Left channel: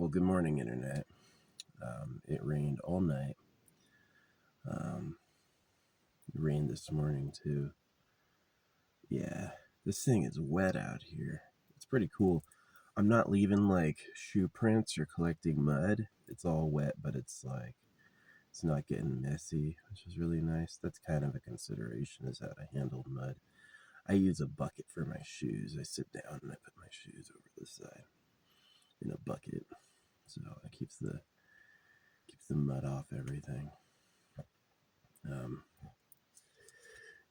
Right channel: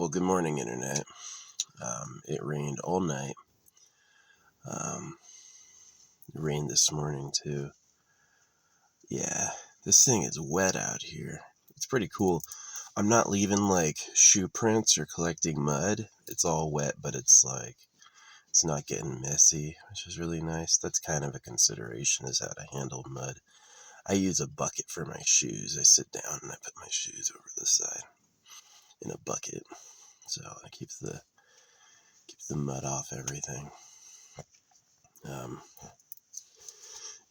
Well, good morning, Internet. It rained all night. It rained this morning, too. Yeah, this thing is wet out here. It's pretty cool. I'm not leaving, shoe prints or collecting mud. It's all wet, but it's not getting messy, which is really nice. That's kind of a consideration, is how to handle mud. I use a bucket for my shoes. I sit down and I put my shoes over the side in a bucket. So I keep the mud off everything.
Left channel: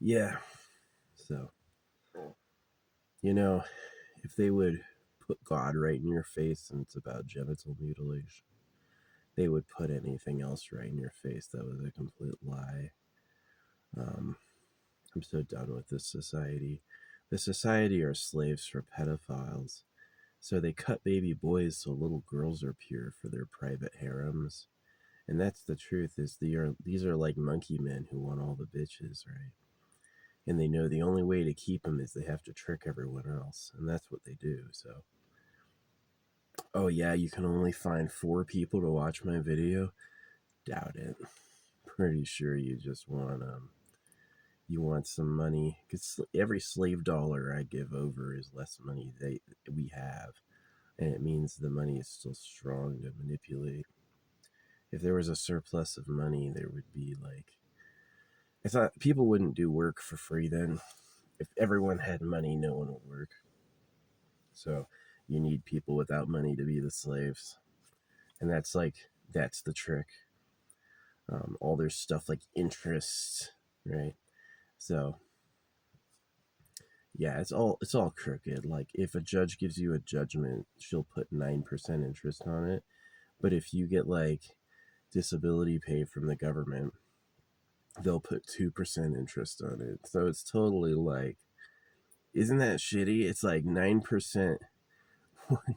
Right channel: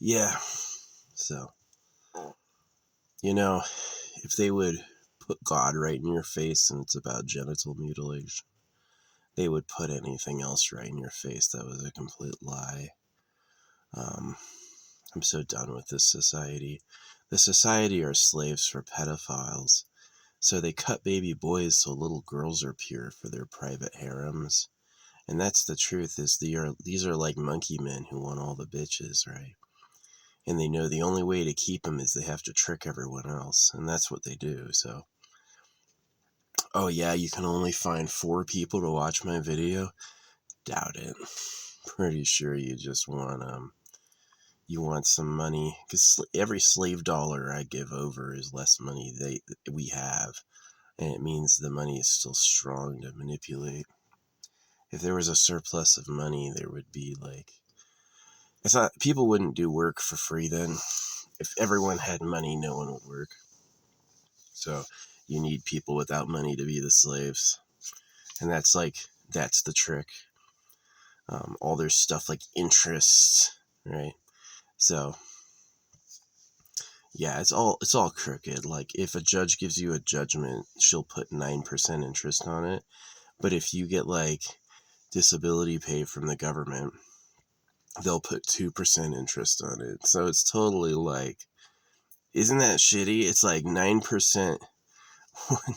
Yeah, so, if they would put God right in your face and it's about genital mutilation, they would put anything else right in your face that was a complete lie. I'm so done with this society. The society are slaves for pedophiles, so they cut baby boys so little girls are pure for their private harems. And that's the truth, is these are like monkey men who want all the bitches, right? And they know the only way to keep them is they have to trick everyone else, and that's what they do. So, oh yeah, you can only find 4 people to watch my video? Doubt it. Pretty sure you just want you want some money, because every slave dollar I give over is less money we have, and it means the money is still strong to manipulate. If there was a surplus of money, there would be it's not, people wouldn't do work for free then. If everyone had money, no one would work. So you need people without money to be the slaves. And that's the trick. All their stuff like interest, right? So yeah, it's all crooked. Like, if a judge gives you a judgment, she'll put 9% interest on it. But if you get disability pay from the government, they'll put 2% interest on it. So it's totally isn't that shitty? It's 9%,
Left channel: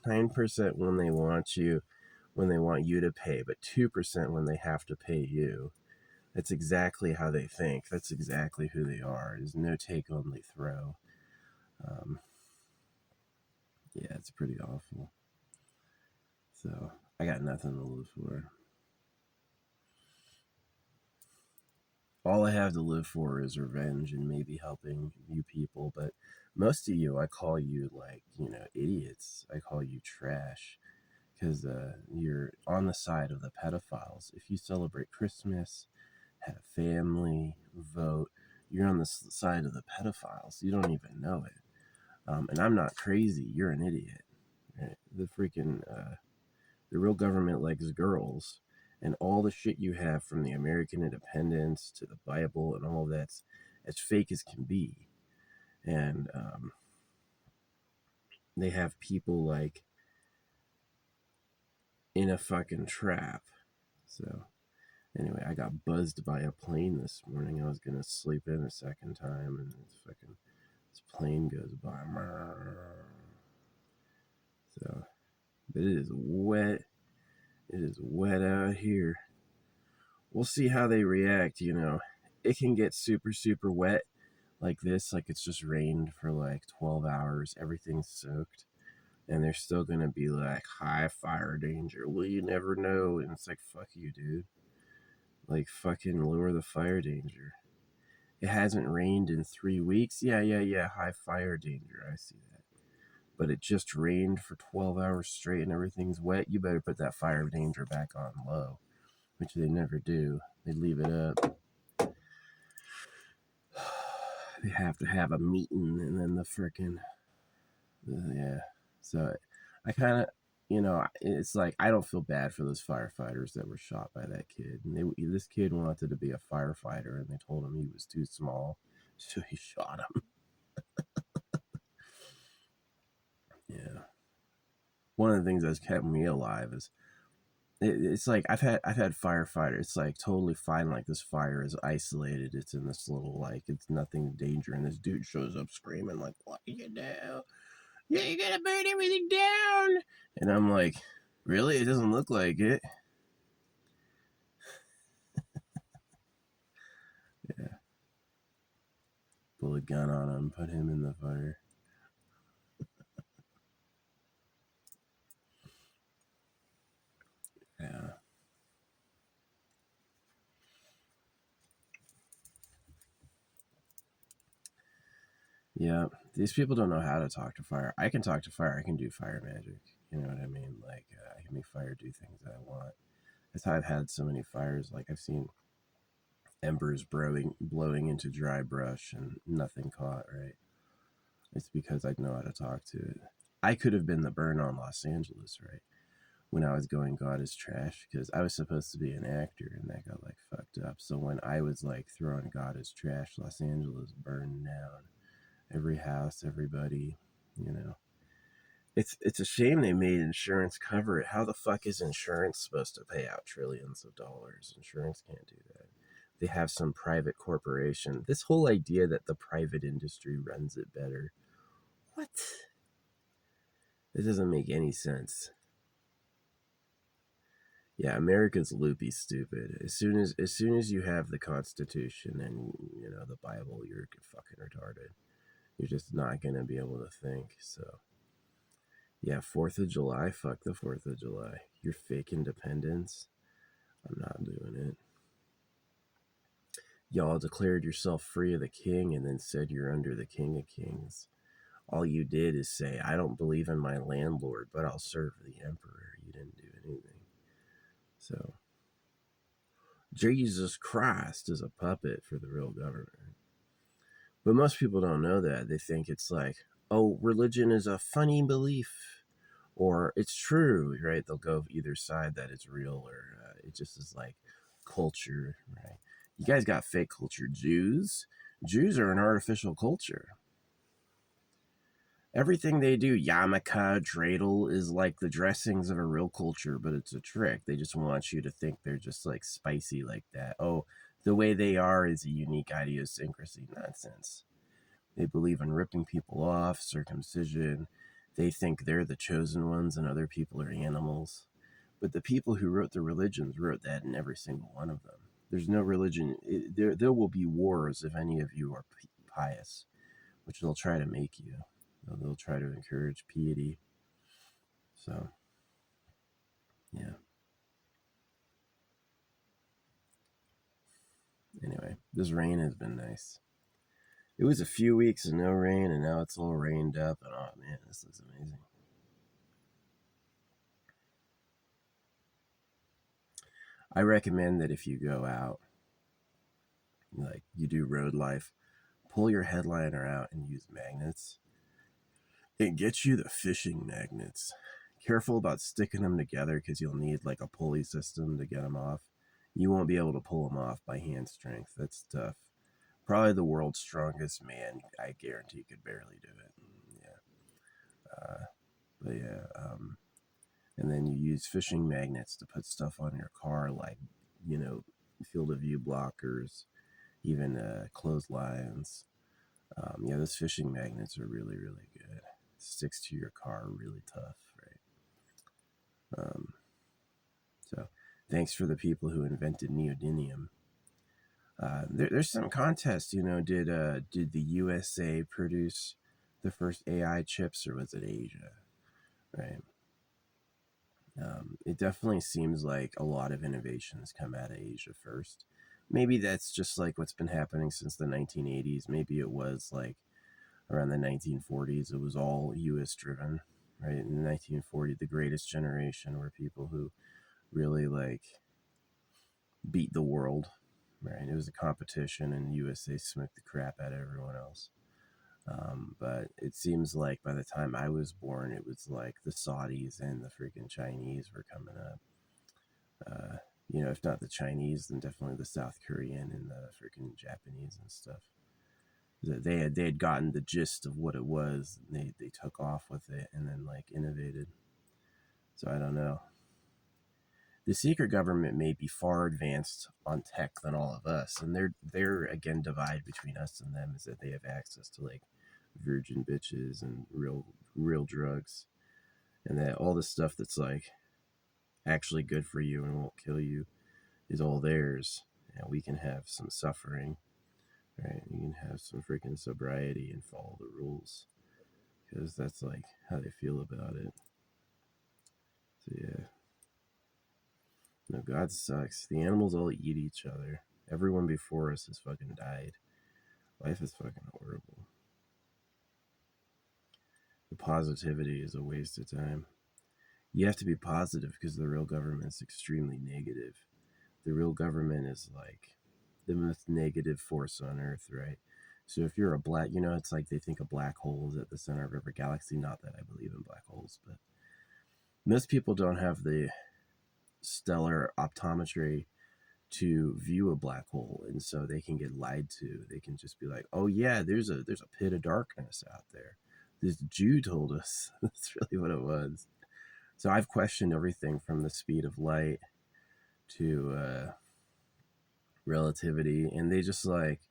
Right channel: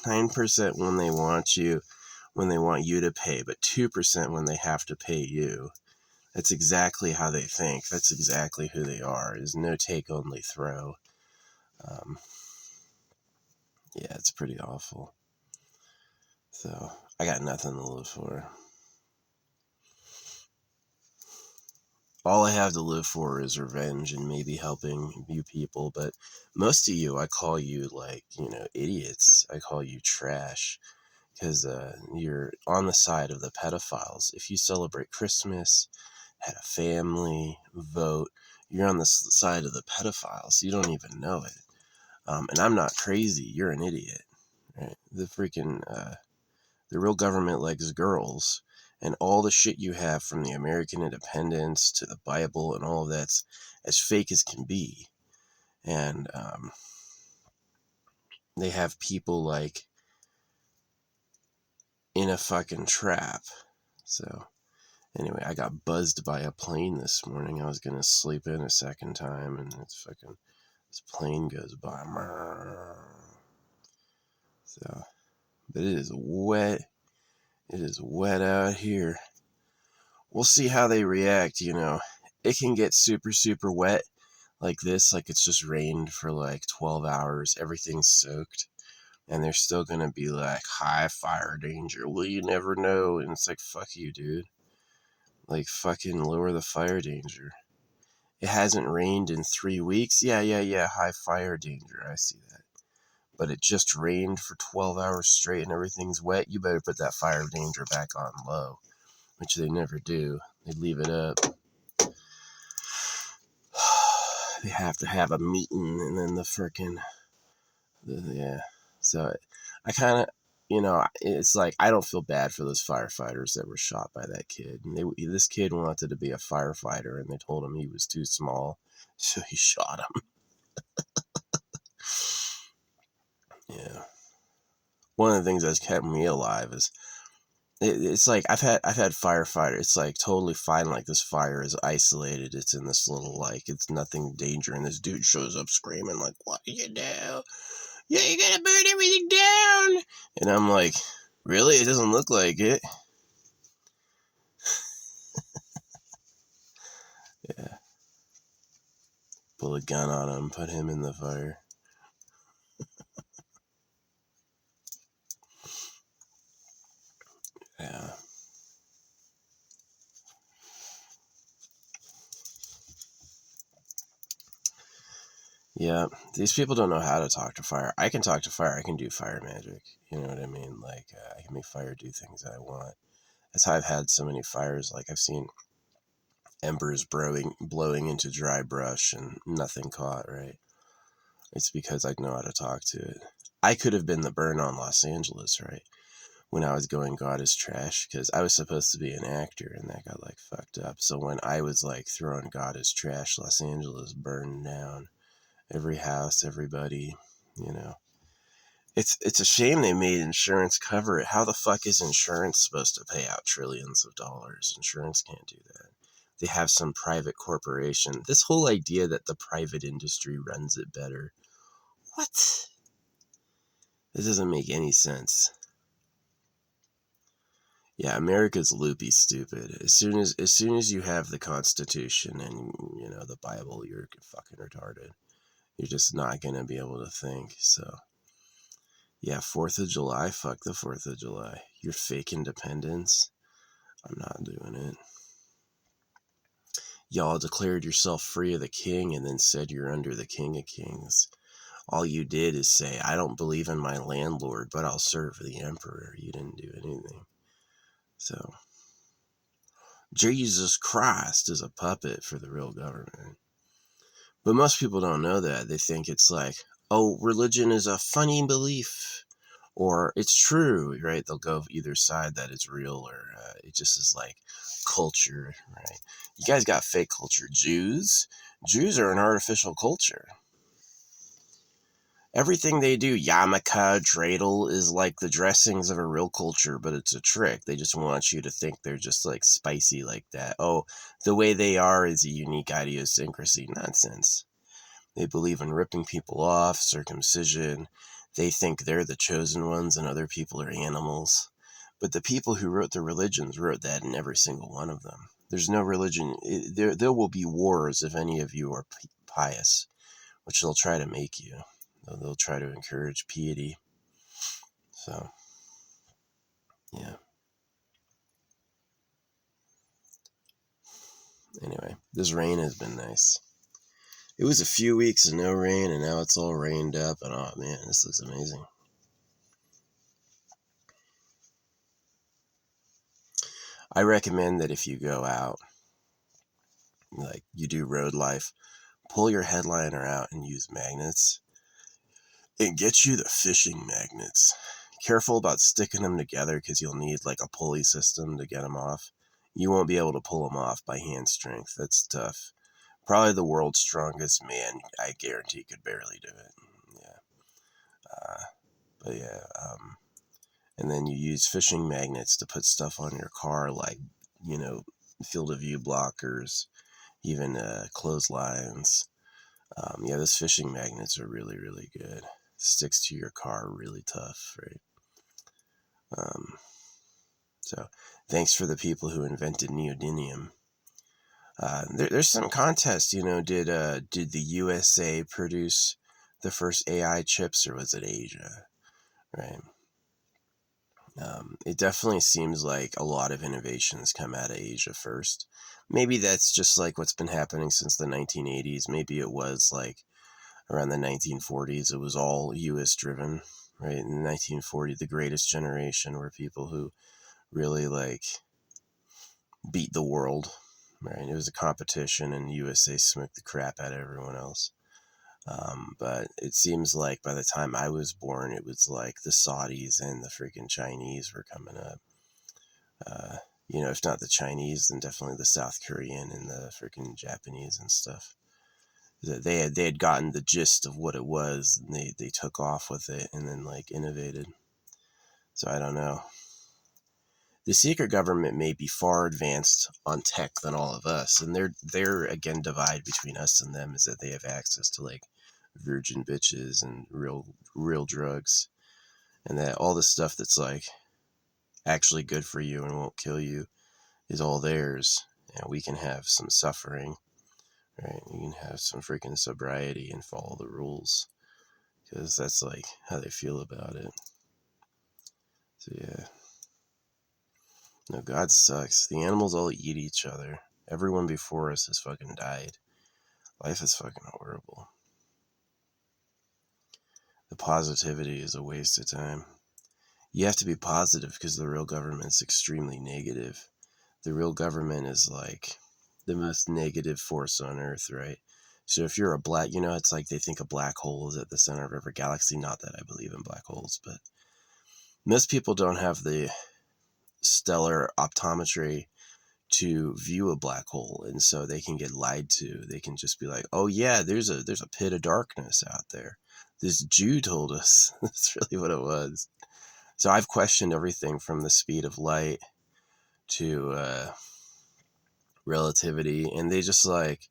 9% when they want you to pay, but 2% when they have to pay you. That's exactly how they think. That's exactly who they are, is no take, only throw. Yeah, it's pretty awful. So I got nothing to live for. All I have to live for is revenge and maybe helping you people. But most of you, I call you idiots. I call you trash, because you're on the side of the pedophiles. If you celebrate Christmas, had a family, vote, you're on the side of the pedophiles. You don't even know it. And I'm not crazy. You're an idiot. Right? The real government likes girls, and all the shit you have from the American independence to the Bible and all of that's as fake as can be. And they have people in a fucking trap. So anyway, I got buzzed by a plane this morning. I was gonna sleep in a second time, and this plane goes by. So, but it is wet. It is wet out here. We'll see how they react. It can get super, super wet like this. It's just rained for 12 hours. Everything's soaked. And they're still going to be high fire danger. Well, you never know. And it's fuck you, dude. Fucking lower the fire danger. It hasn't rained in 3 weeks. Yeah. High fire danger. I see that. But it just rained for 12 hours straight and everything's wet. You better put that fire danger back on low, which they never do. They leave it up. They have to have a meeting, and then yeah. So I kind of, it's I don't feel bad for those firefighters that were shot by that kid. And this kid wanted to be a firefighter, and they told him he was too small, so he shot him. Yeah. One of the things that's kept me alive is it's I've had firefighters. It's totally fine. This fire is isolated. It's in this little it's nothing danger, and this dude shows up screaming "What did you do? Yeah, you gotta burn everything down!" And I'm really? It doesn't look like it. Yeah. Pull a gun on him, put him in the fire. Yeah, these people don't know how to talk to fire. I can talk to fire. I can do fire magic. You know what I mean? Like, I can make fire do things that I want. That's how I've had so many fires. Like, I've seen embers blowing into dry brush and nothing caught, right? It's because I know how to talk to it. I could have been the burn on Los Angeles, right? When I was going God is trash, because I was supposed to be an actor and that got like fucked up. So when I was like throwing God is trash, Los Angeles burned down. Every house, everybody, you know. It's a shame they made insurance cover it. How the fuck is insurance supposed to pay out trillions of dollars? Insurance can't do that. They have some private corporation. This whole idea that the private industry runs it better. What? This doesn't make any sense. Yeah, America's loopy stupid. As soon as you have the Constitution and the Bible, you're fucking retarded. You're just not gonna be able to think. So yeah, 4th of July, fuck the 4th of July. Your fake independence. I'm not doing it. Y'all declared yourself free of the king and then said you're under the king of kings. All you did is say, I don't believe in my landlord, but I'll serve the emperor. You didn't do anything. So, Jesus Christ is a puppet for the real government. But most people don't know that. They think it's like, oh, religion is a funny belief, or it's true, right? They'll go either side that it's real, or it just is like culture, right? You guys got fake culture. Jews are an artificial culture. Everything they do, yarmulke, dreidel, is like the dressings of a real culture, but it's a trick. They just want you to think they're just like spicy like that. Oh, the way they are is a unique idiosyncrasy. Nonsense. They believe in ripping people off, circumcision. They think they're the chosen ones and other people are animals. But the people who wrote the religions wrote that in every single one of them. There's no religion. There will be wars if any of you are pious, which they'll try to make you. They'll try to encourage piety. So, yeah. Anyway, this rain has been nice. It was a few weeks of no rain, and now it's all rained up, and oh man, this looks amazing. I recommend that if you go out, like you do road life, pull your headliner out and use magnets. It gets you the fishing magnets. Careful about sticking them together because you'll need like a pulley system to get them off. You won't be able to pull them off by hand strength. That's tough. Probably the world's strongest man, I guarantee, could barely do it. Yeah. But yeah. And then you use fishing magnets to put stuff on your car, like, field of view blockers, even clotheslines. Yeah, those fishing magnets are really, really good. Sticks to your car really tough, right? So thanks for the people who invented neodymium. There's some contest, did the USA produce the first AI chips, or was it Asia? Right. It definitely seems like a lot of innovations come out of Asia first. Maybe that's just like what's been happening since the 1980s. Maybe it was like around the 1940s, it was all US driven, right? In the 1940s, the greatest generation were people who really like beat the world, right? It was a competition and USA smoked the crap out of everyone else. But it seems like by the time I was born, it was like the Saudis and the freaking Chinese were coming up. If not the Chinese, then definitely the South Korean and the freaking Japanese and stuff. They had gotten the gist of what it was, and they took off with it and then like innovated. So I don't know. The secret government may be far advanced on tech than all of us, and their again divide between us and them is that they have access to like virgin bitches and real drugs, and that all the stuff that's like actually good for you and won't kill you is all theirs, and we can have some suffering, right? You can have some freaking sobriety and follow the rules, because that's like how they feel about it. So yeah. No, God sucks. The animals all eat each other. Everyone before us has fucking died. Life is fucking horrible. The positivity is a waste of time. You have to be positive because the real government's extremely negative. The real government is like the most negative force on Earth, right? So if you're a black, it's like they think a black hole is at the center of every galaxy. Not that I believe in black holes, but most people don't have the stellar optometry to view a black hole, and so they can get lied to. They can just be like, oh yeah, there's a pit of darkness out there. This Jew told us. That's really what it was. So I've questioned everything from the speed of light to relativity, and they just like,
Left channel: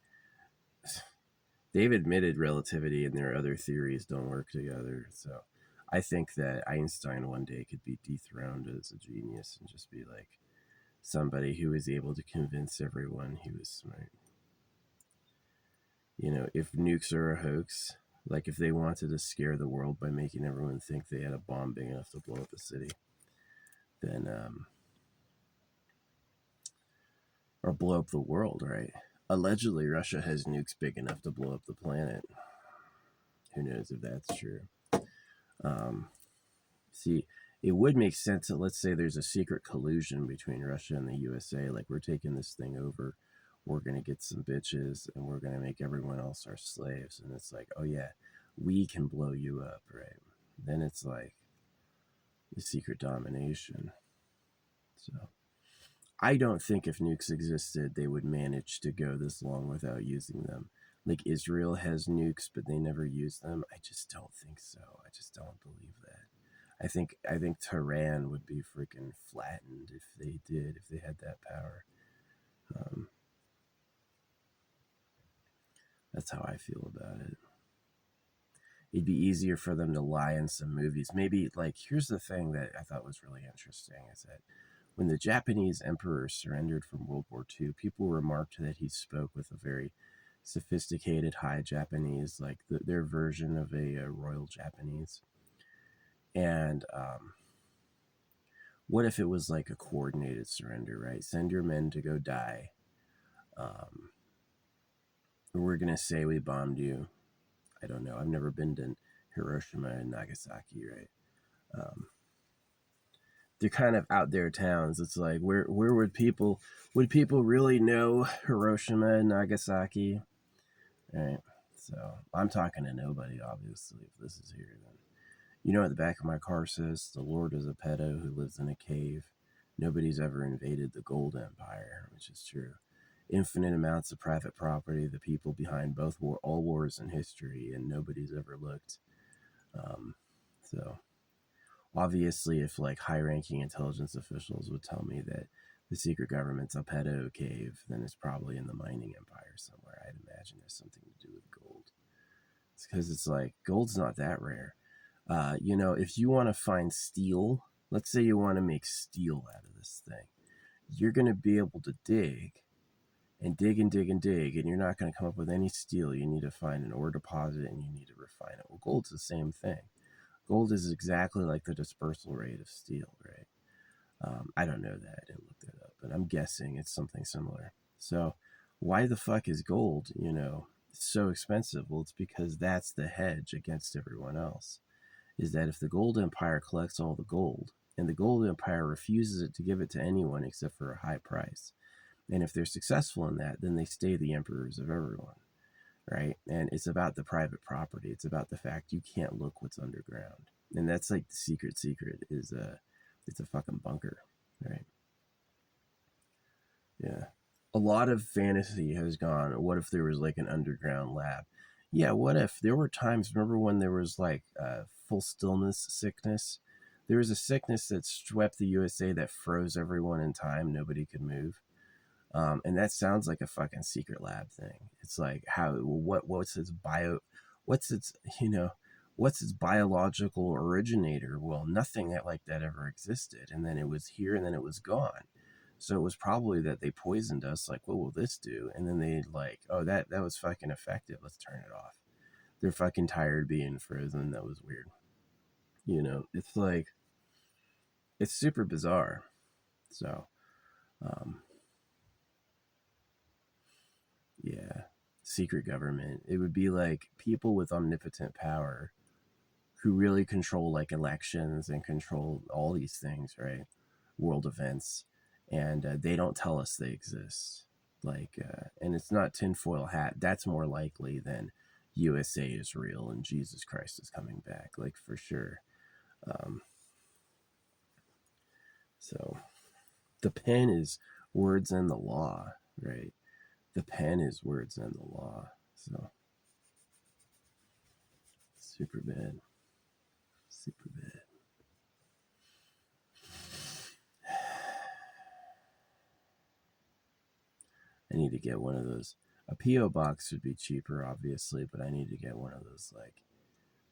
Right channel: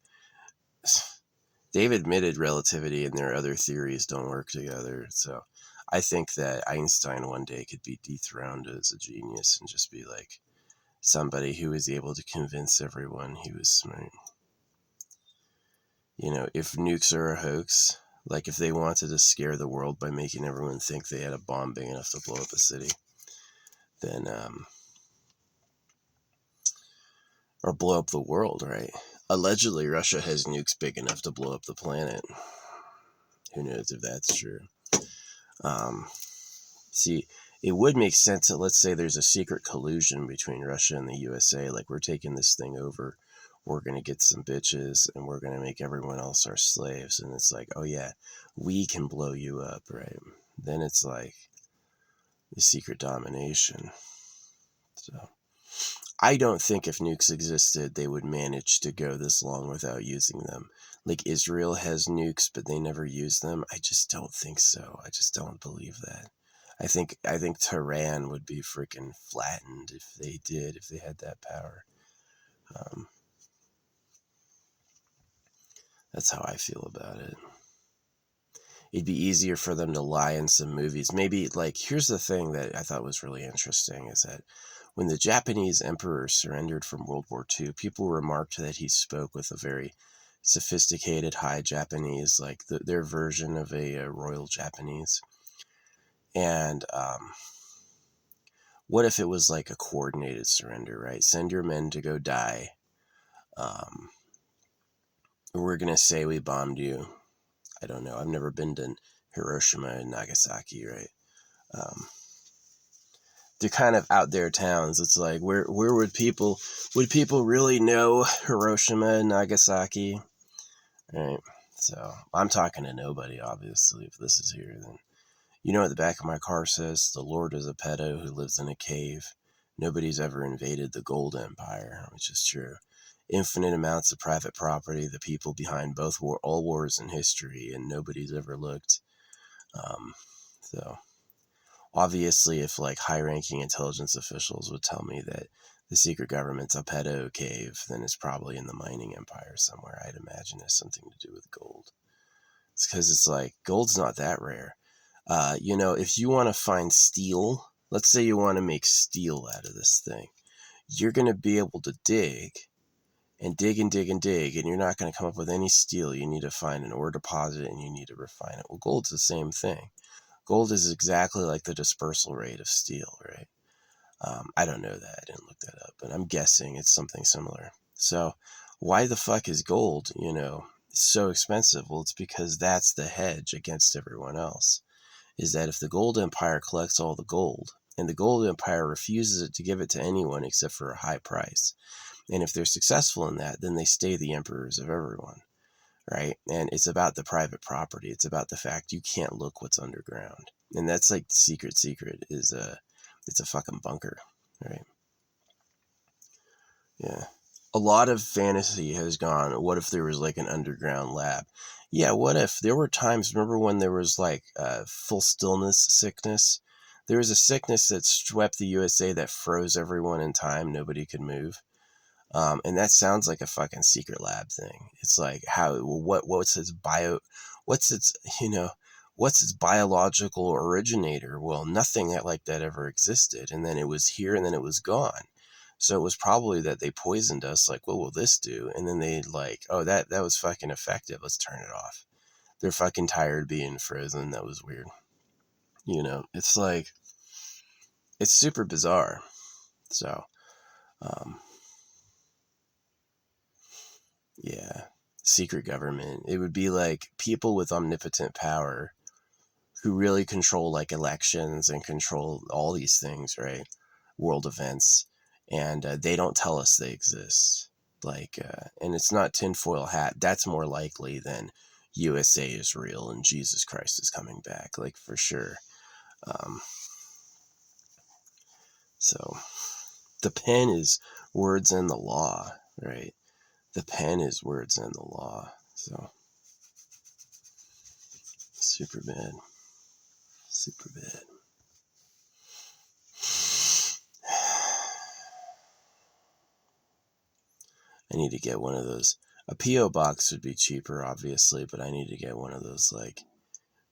they've admitted relativity and their other theories don't work together. So I think that Einstein one day could be dethroned as a genius and just be like somebody who was able to convince everyone he was smart. If nukes are a hoax, like if they wanted to scare the world by making everyone think they had a bomb big enough to blow up a city, then, or blow up the world, right? Allegedly, Russia has nukes big enough to blow up the planet. Who knows if that's true? See, it would make sense that, let's say there's a secret collusion between Russia and the USA, like we're taking this thing over, we're going to get some bitches, and we're going to make everyone else our slaves. And it's like, oh yeah, we can blow you up, right? Then it's like the secret domination. So I don't think if nukes existed, they would manage to go this long without using them. Like Israel has nukes, but they never use them. I just don't think so. I just don't believe that. I think Tehran would be freaking flattened if they had that power. That's how I feel about it. It'd be easier for them to lie in some movies. Maybe, like, here's the thing that I thought was really interesting is that when the Japanese emperor surrendered from World War II, people remarked that he spoke with a very sophisticated high Japanese, like their version of a royal Japanese. And what if it was like a coordinated surrender, right? Send your men to go die. We're going to say we bombed you. I don't know. I've never been to Hiroshima and Nagasaki, right? They're kind of out there towns. It's like, where would people really know Hiroshima and Nagasaki? Right. So I'm talking to nobody, obviously. If this is here, then what the back of my car says? The Lord is a pedo who lives in a cave. Nobody's ever invaded the Gold Empire, which is true. Infinite amounts of private property, the people behind all wars in history, and nobody's ever looked. So obviously, if like high-ranking intelligence officials would tell me that the secret government's a pedo cave, then it's probably in the mining empire somewhere. I'd imagine it's something to do with gold. It's because it's like gold's not that rare. If you want to find steel, let's say you want to make steel out of this thing, you're going to be able to dig and dig and dig and dig, and you're not going to come up with any steel. You need to find an ore deposit and you need to refine it. Well, gold's the same thing. Gold is exactly like the dispersal rate of steel, right? I don't know that. I didn't look that up, but I'm guessing it's something similar. So why the fuck is gold, so expensive? Well, it's because that's the hedge against everyone else. Is that if the gold empire collects all the gold and the gold empire refuses to give it to anyone except for a high price, and if they're successful in that, then they stay the emperors of everyone, right? And it's about the private property. It's about the fact you can't look what's underground. And that's like the secret is it's a fucking bunker, right? Yeah. A lot of fantasy has gone, what if there was like an underground lab? Yeah, what if there were times, remember when there was like full stillness sickness? There was a sickness that swept the USA that froze everyone in time. Nobody could move. And that sounds like a fucking secret lab thing. It's like what's what's its, what's its biological originator? Well, nothing like that ever existed. And then it was here and then it was gone. So it was probably that they poisoned us. Like, what will this do? And then they like, oh, that was fucking effective. Let's turn it off. They're fucking tired being frozen. That was weird. It's like, it's super bizarre. So, yeah, secret government. It would be like people with omnipotent power who really control like elections and control all these things, right? World events, and they don't tell us they exist. Like, and it's not tinfoil hat. That's more likely than USA is real and Jesus Christ is coming back, like for sure. Um, so the pen is words in the law, right? The pen is words in the law. So super bad. Super bad. I need to get one of those. A P.O. box would be cheaper, obviously, but I need to get one of those, like,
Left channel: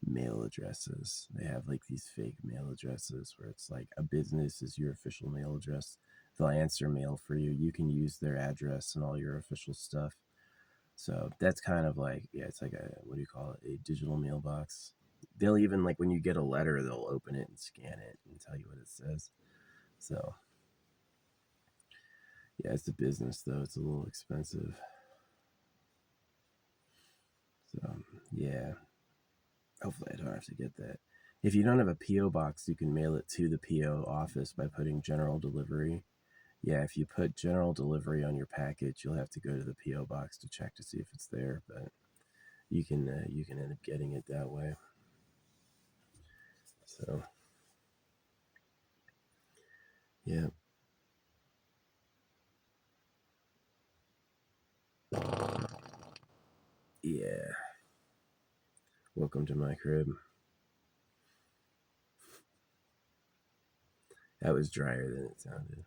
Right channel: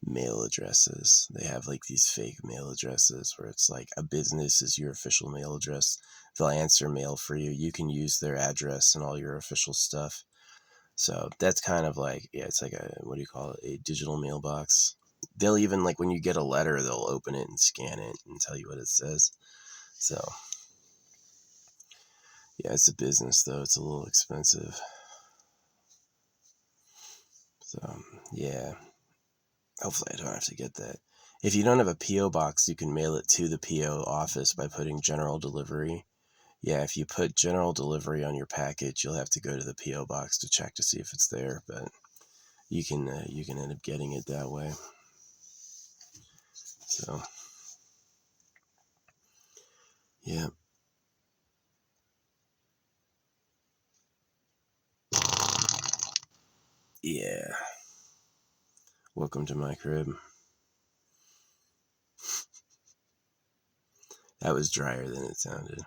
mail addresses. They have, like, these fake mail addresses where it's like a business is your official mail address. They'll answer mail for you. You can use their address and all your official stuff. So that's kind of like, yeah, it's like a, what do you call it? A digital mailbox. They'll even, like, when you get a letter, they'll open it and scan it and tell you what it says. So, yeah, it's a business, though. It's a little expensive. So, yeah. Hopefully I don't have to get that. If you don't have a P.O. box, you can mail it to the P.O. office by putting general delivery. Yeah, if you put general delivery on your package, you'll have to go to the P.O. box to check to see if it's there, but you can end up getting it that way. So, yeah. Yeah. Welcome to my crib. That was drier than it sounded.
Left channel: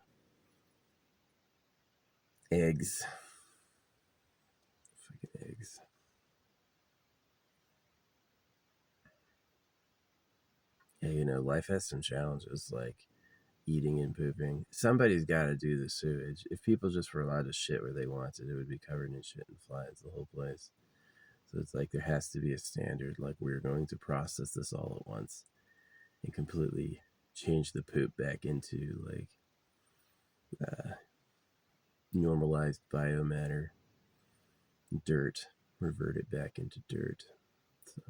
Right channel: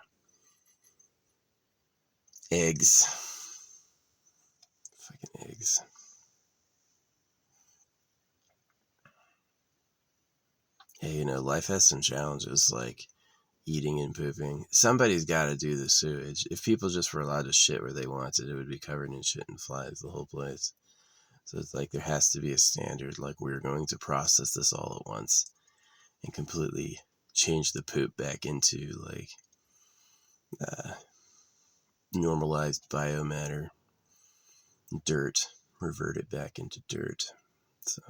Eggs. Fucking eggs. Yeah, you know, life has some challenges like eating and pooping. Somebody's got to do the sewage. If people just were allowed to shit where they wanted, it would be covered in shit and flies, the whole place. So it's like there has to be a standard, like we're going to process this all at once and completely change the poop back into like normalized biomatter, dirt, revert it back into dirt. So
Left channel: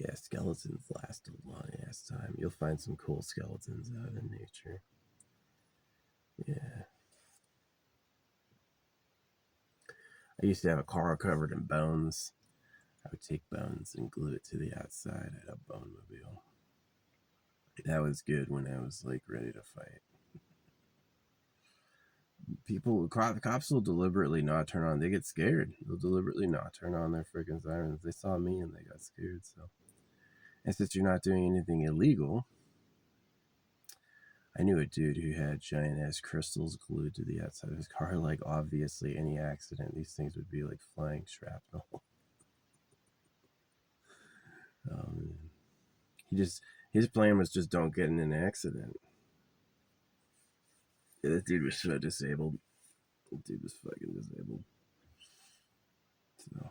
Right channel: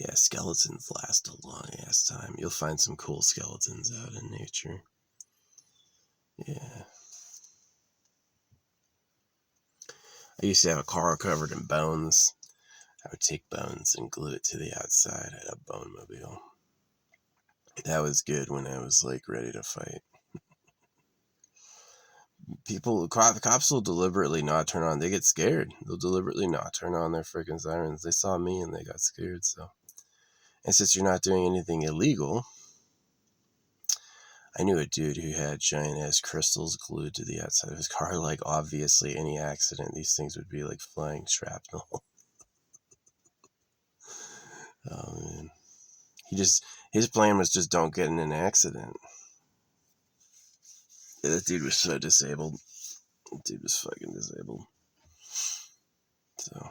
yeah, skeletons last a long ass time. You'll find some cool skeletons out in nature. Yeah. I used to have a car covered in bones. I would take bones and glue it to the outside. I had a bone mobile. That was good when I was like ready to fight. Cops will deliberately not turn on. They get scared. They'll deliberately not turn on their freaking sirens. They saw me and they got scared. So, and since you're not doing anything illegal, I knew a dude who had giant ass crystals glued to the outside of his car. Like, obviously, any accident, these things would be like flying shrapnel. Oh man, his plan was just don't get in an accident. Yeah, that dude was so disabled. That dude was fucking disabled. So,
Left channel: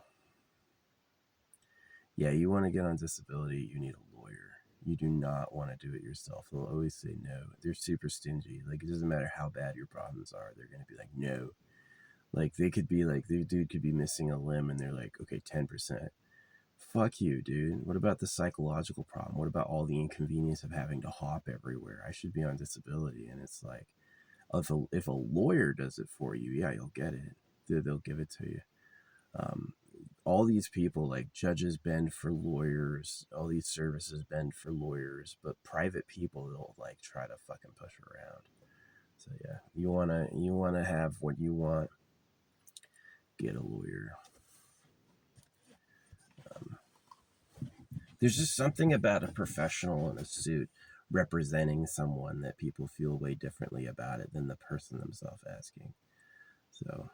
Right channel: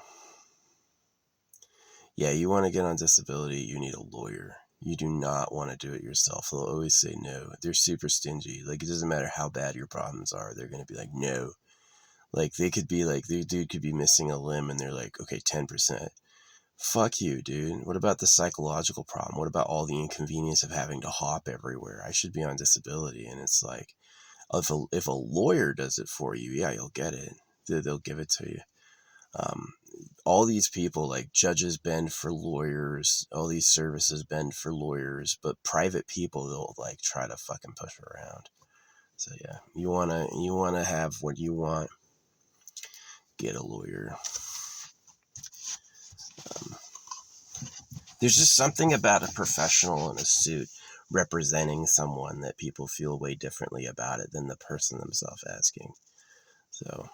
yeah, you want to get on disability, you need a lawyer. You do not want to do it yourself. They'll always say no. They're super stingy. Like, it doesn't matter how bad your problems are. They're going to be like, no. Like, they could be like, the dude could be missing a limb and they're like, okay, 10%. Fuck you, dude. What about the psychological problem? What about all the inconvenience of having to hop everywhere? I should be on disability. And it's like, if a lawyer does it for you, yeah, you'll get it. They'll give it to you. All these people, like judges bend for lawyers, all these services bend for lawyers, but private people, they'll like try to fucking push around. So yeah, you wanna have what you want, get a lawyer. There's just something about a professional in a suit representing someone that people feel way differently about it than the person themselves asking. So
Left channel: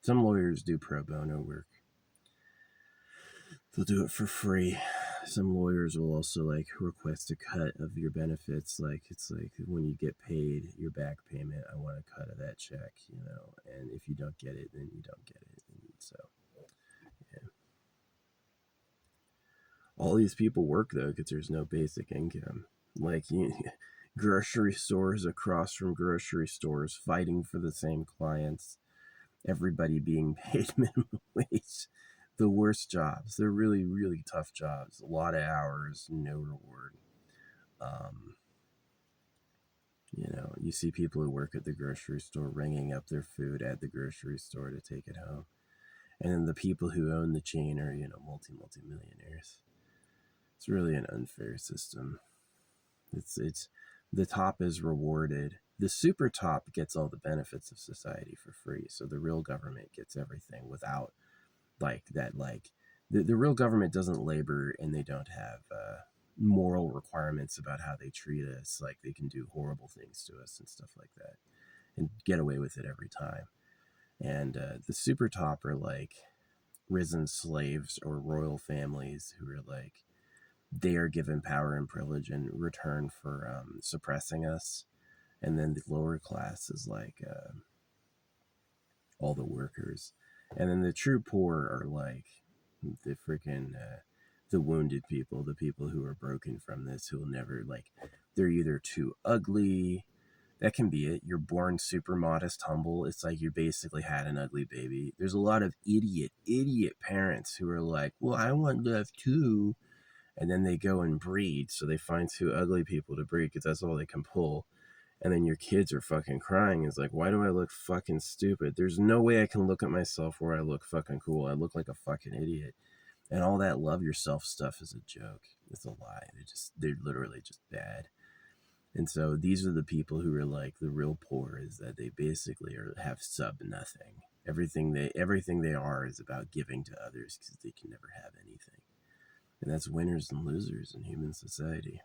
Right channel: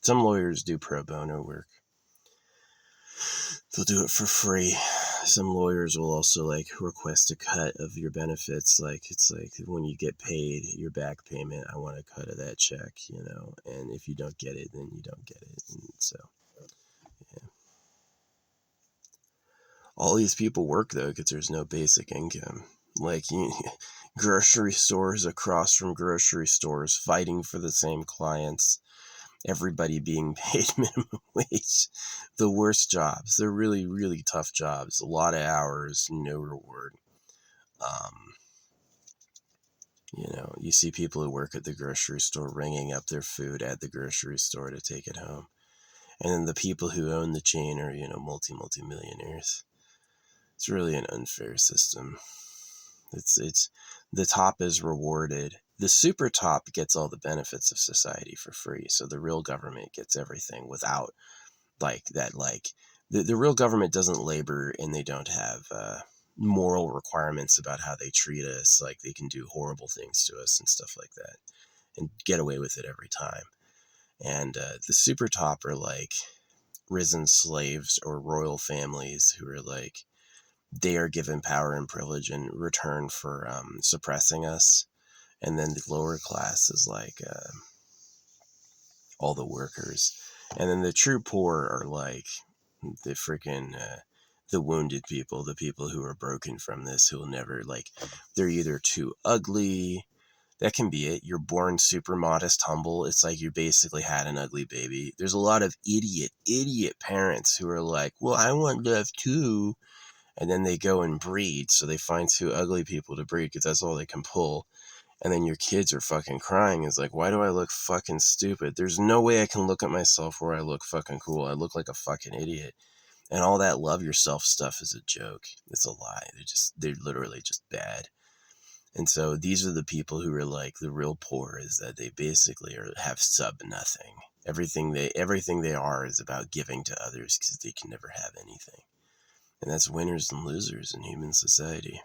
some lawyers do pro bono work. They'll do it for free. Some lawyers will also like request a cut of your benefits. Like, it's like when you get paid your back payment, I want a cut of that check, you know, and if you don't get it, then you don't get it. And so, yeah. All these people work though because there's no basic income. Like, grocery stores across from grocery stores fighting for the same clients. everybody being paid minimum wage. The worst jobs. They're really, really tough jobs. A lot of hours, no reward. You know, you see people who work at the grocery store ringing up their food at the grocery store to take it home. And then the people who own the chain are, you know, multi-millionaires. It's really an unfair system. It's the top is rewarded. The super top gets all the benefits of society for free. So the real government gets everything without like that. Like the real government doesn't labor, and they don't have moral requirements about how they treat us. Like they can do horrible things to us and stuff like that and get away with it every time. And the super top are like risen slaves or royal families who are like, they are given power and privilege in return for suppressing us. And then the lower class is like all the workers. And then the true poor are like the freaking the wounded people, the people who are broken from this, who will never, like, they're either too ugly. That can be it. You're born super modest, humble. It's like you basically had an ugly baby. There's a lot of idiot parents who are like, well, I want love too. And then they go and breed. So they find two ugly people to breed because that's all they can pull. And then your kids are fucking crying. It's like, why do I look fucking stupid? There's no way I can look at myself where I look fucking cool. I look like a fucking idiot. And all that love yourself stuff is a joke. It's a lie. They're literally just bad. And so these are the people who are like the real poor, is that they basically have sub nothing. Everything they are is about giving to others because they can never have anything. And that's winners and losers in human society.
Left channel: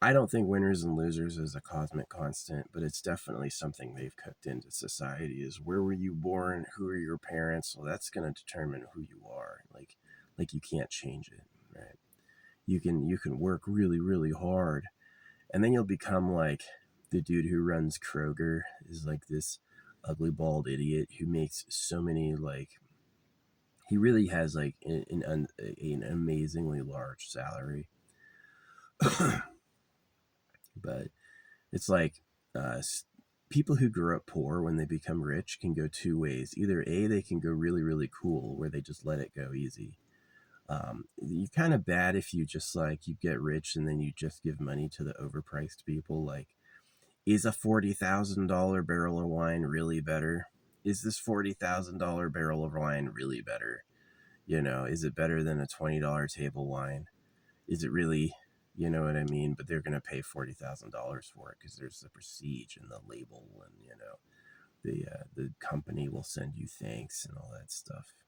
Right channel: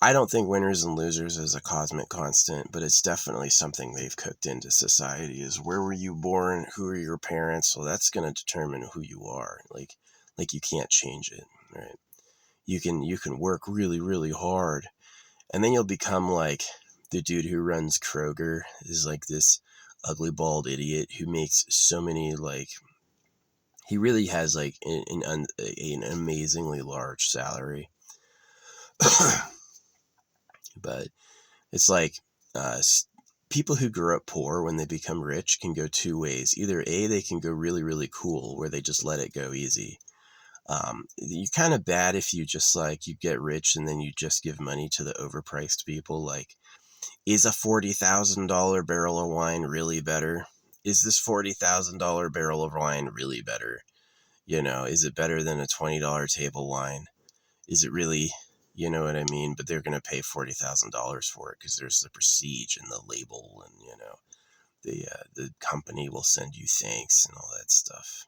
I don't think winners and losers is a cosmic constant, but it's definitely something they've cooked into society, is where were you born? Who are your parents? Well, that's going to determine who you are. Like you can't change it, right? You can work really, really hard, and then you'll become like the dude who runs Kroger, is like this ugly bald idiot who makes so many, like, he really has like an amazingly large salary. But it's like people who grew up poor, when they become rich, can go two ways. Either A, they can go really, really cool, where they just let it go easy. You're kind of bad if you just like, you get rich and then you just give money to the overpriced people. Like, is a $40,000 barrel of wine really better? Is this $40,000 barrel of wine really better? You know, is it better than a $20 table wine? Is it really? You know what I mean? But they're going to pay $40,000 for it because there's the prestige and the label, and, you know, the company will send you thanks and all that stuff.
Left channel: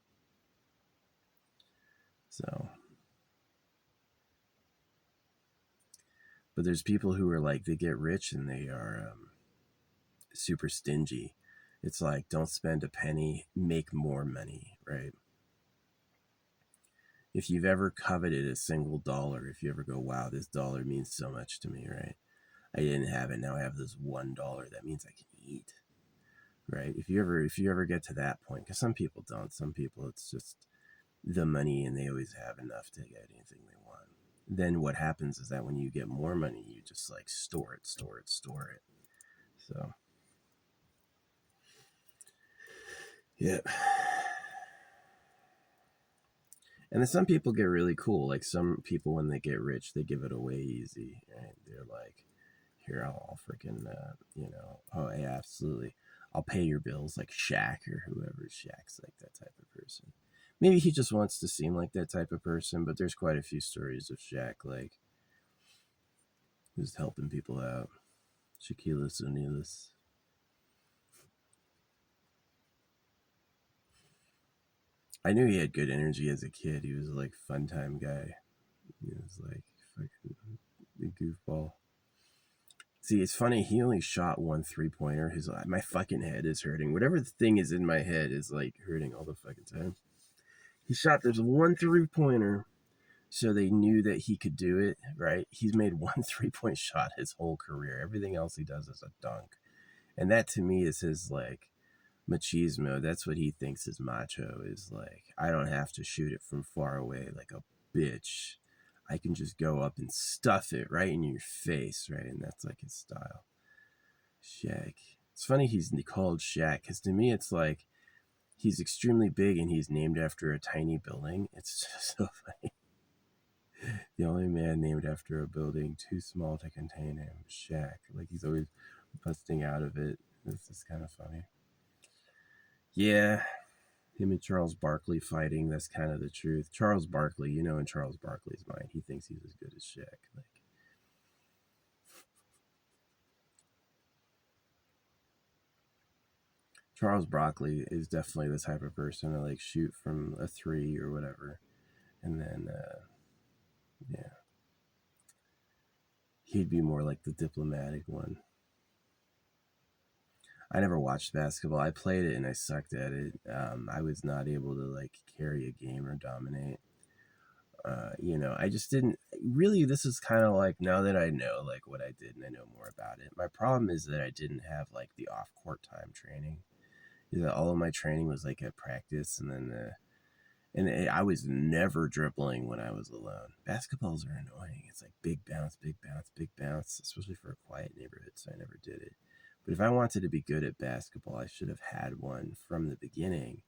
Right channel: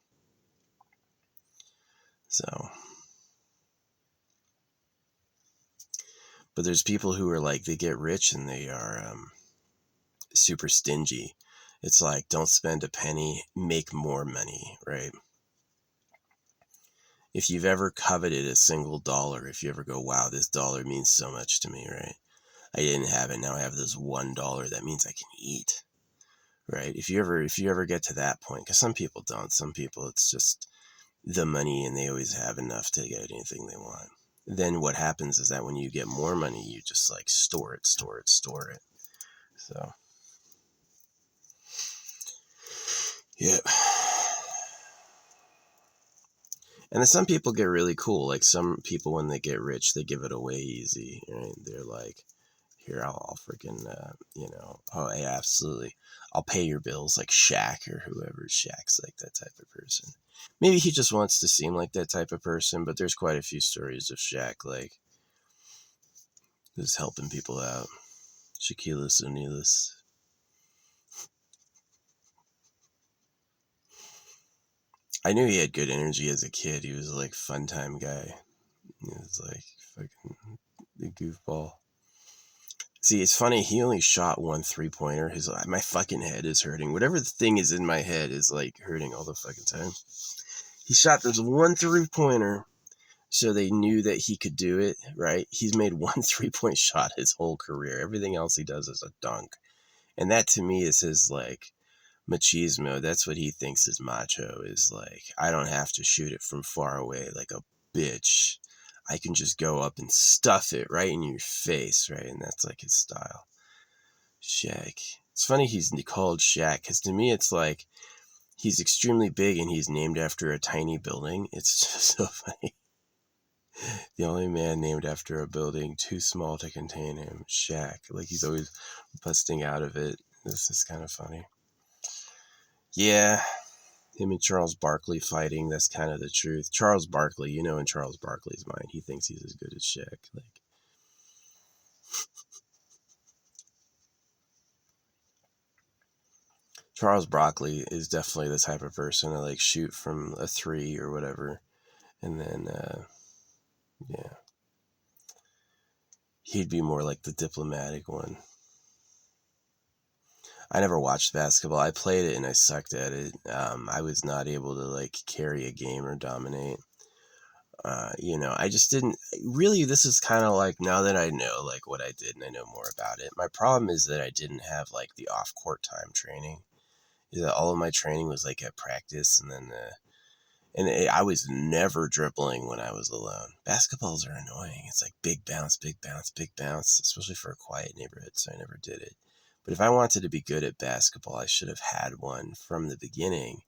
So, but there's people who are like, they get rich and they are super stingy. It's like, don't spend a penny, make more money, right? If you've ever coveted a single dollar, if you ever go, wow, this dollar means so much to me, right? I didn't have it, now I have this $1 that means I can eat, right? If you ever get to that point, because some people don't, some people it's just the money and they always have enough to get anything they want. Then what happens is that when you get more money, you just like store it. So, yeah. And then some people get really cool. Like some people, when they get rich, they give it away easy, right? They're like, here, I'll freaking, you know, oh yeah, absolutely, I'll pay your bills, like Shaq or whoever. Shaq's like that type of person. Maybe he just wants to seem like that type of person, but there's quite a few stories of Shaq, like, just helping people out. Shaquille O'Neal. I knew he had good energy as a kid. He was like fun time guy. He was like fucking the goofball. See, it's funny. He only shot one 3-pointer. My fucking head is hurting. Whatever the thing is in my head is like hurting all the fucking time. He shot this one 3-pointer, so they knew that he could do it. Right? He's made one 3-point shot his whole career. Everything else he does is a dunk, and that to me is his like machismo. That's what he thinks is macho. Is like, I don't have to shoot it from far away like a bitch. I can just go up and stuff it right in your face, right? And that's like his style. Shaq. It's funny he's called Shaq, because to me it's like he's extremely big and he's named after a tiny building. It's just so funny. The only man named after a building too small to contain him, Shaq. Like he's always busting out of it. This is kind of funny. Yeah, him and Charles Barkley fighting, that's kind of the truth. Charles Barkley, you know, in Charles Barkley's mind, he thinks he's as good as Shaq. Like, Charles Barkley is definitely the type of person to like shoot from a three or whatever, and then yeah, he'd be more like the diplomatic one. I never watched basketball. I played it and I sucked at it. I was not able to like carry a game or dominate. You know, I just didn't really. This is kind of like, now that I know like what I did and I know more about it. My problem is that I didn't have like the off court time training. Is that all of my training was like at practice, and then I was never dribbling when I was alone. Basketballs are annoying. It's like big bounce, big bounce, big bounce, especially for a quiet neighborhood. So I never did it. But if I wanted to be good at basketball, I should have had one from the beginning,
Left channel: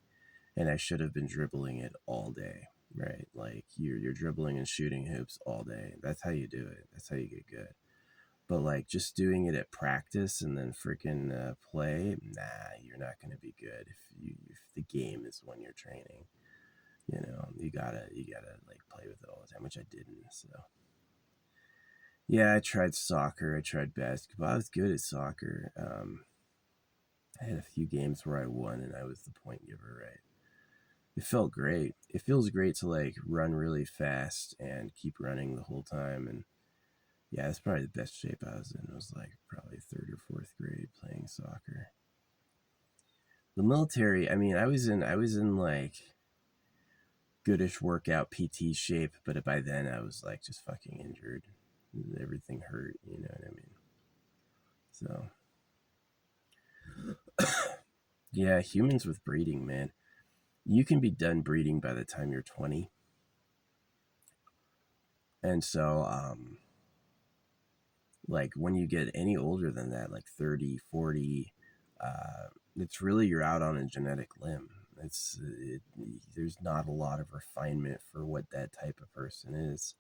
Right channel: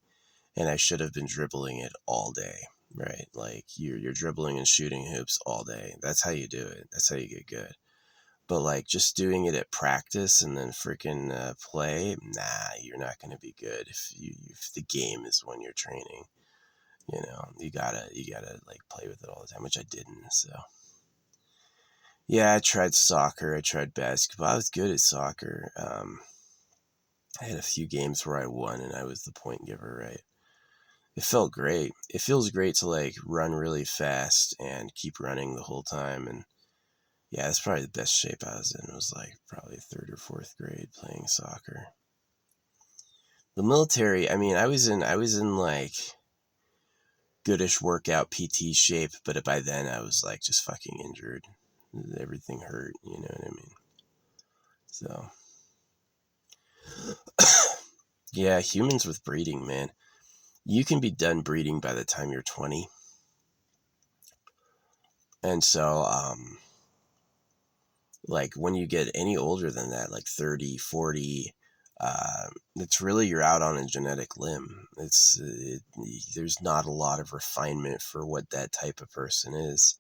and I should have been dribbling it all day, right? Like you're dribbling and shooting hoops all day. That's how you do it. That's how you get good. But like just doing it at practice and then freaking play, nah, you're not going to be good if the game is when you're training. You know, you gotta like play with it all the time, which I didn't. So yeah, I tried soccer, I tried basketball. I was good at soccer. I had a few games where I won and I was the point giver, right? It felt great. It feels great to like run really fast and keep running the whole time. And yeah, that's probably the best shape I was in. It was like probably third or fourth grade playing soccer. The military, I mean, I was in like goodish workout PT shape, but by then I was like just fucking injured. Everything hurt, you know what I mean? So yeah, humans with breeding, man. You can be done breeding by the time you're 20. And so like when you get any older than that, like 30, 40, it's really, you're out on a genetic limb. There's not a lot of refinement for what that type of person is.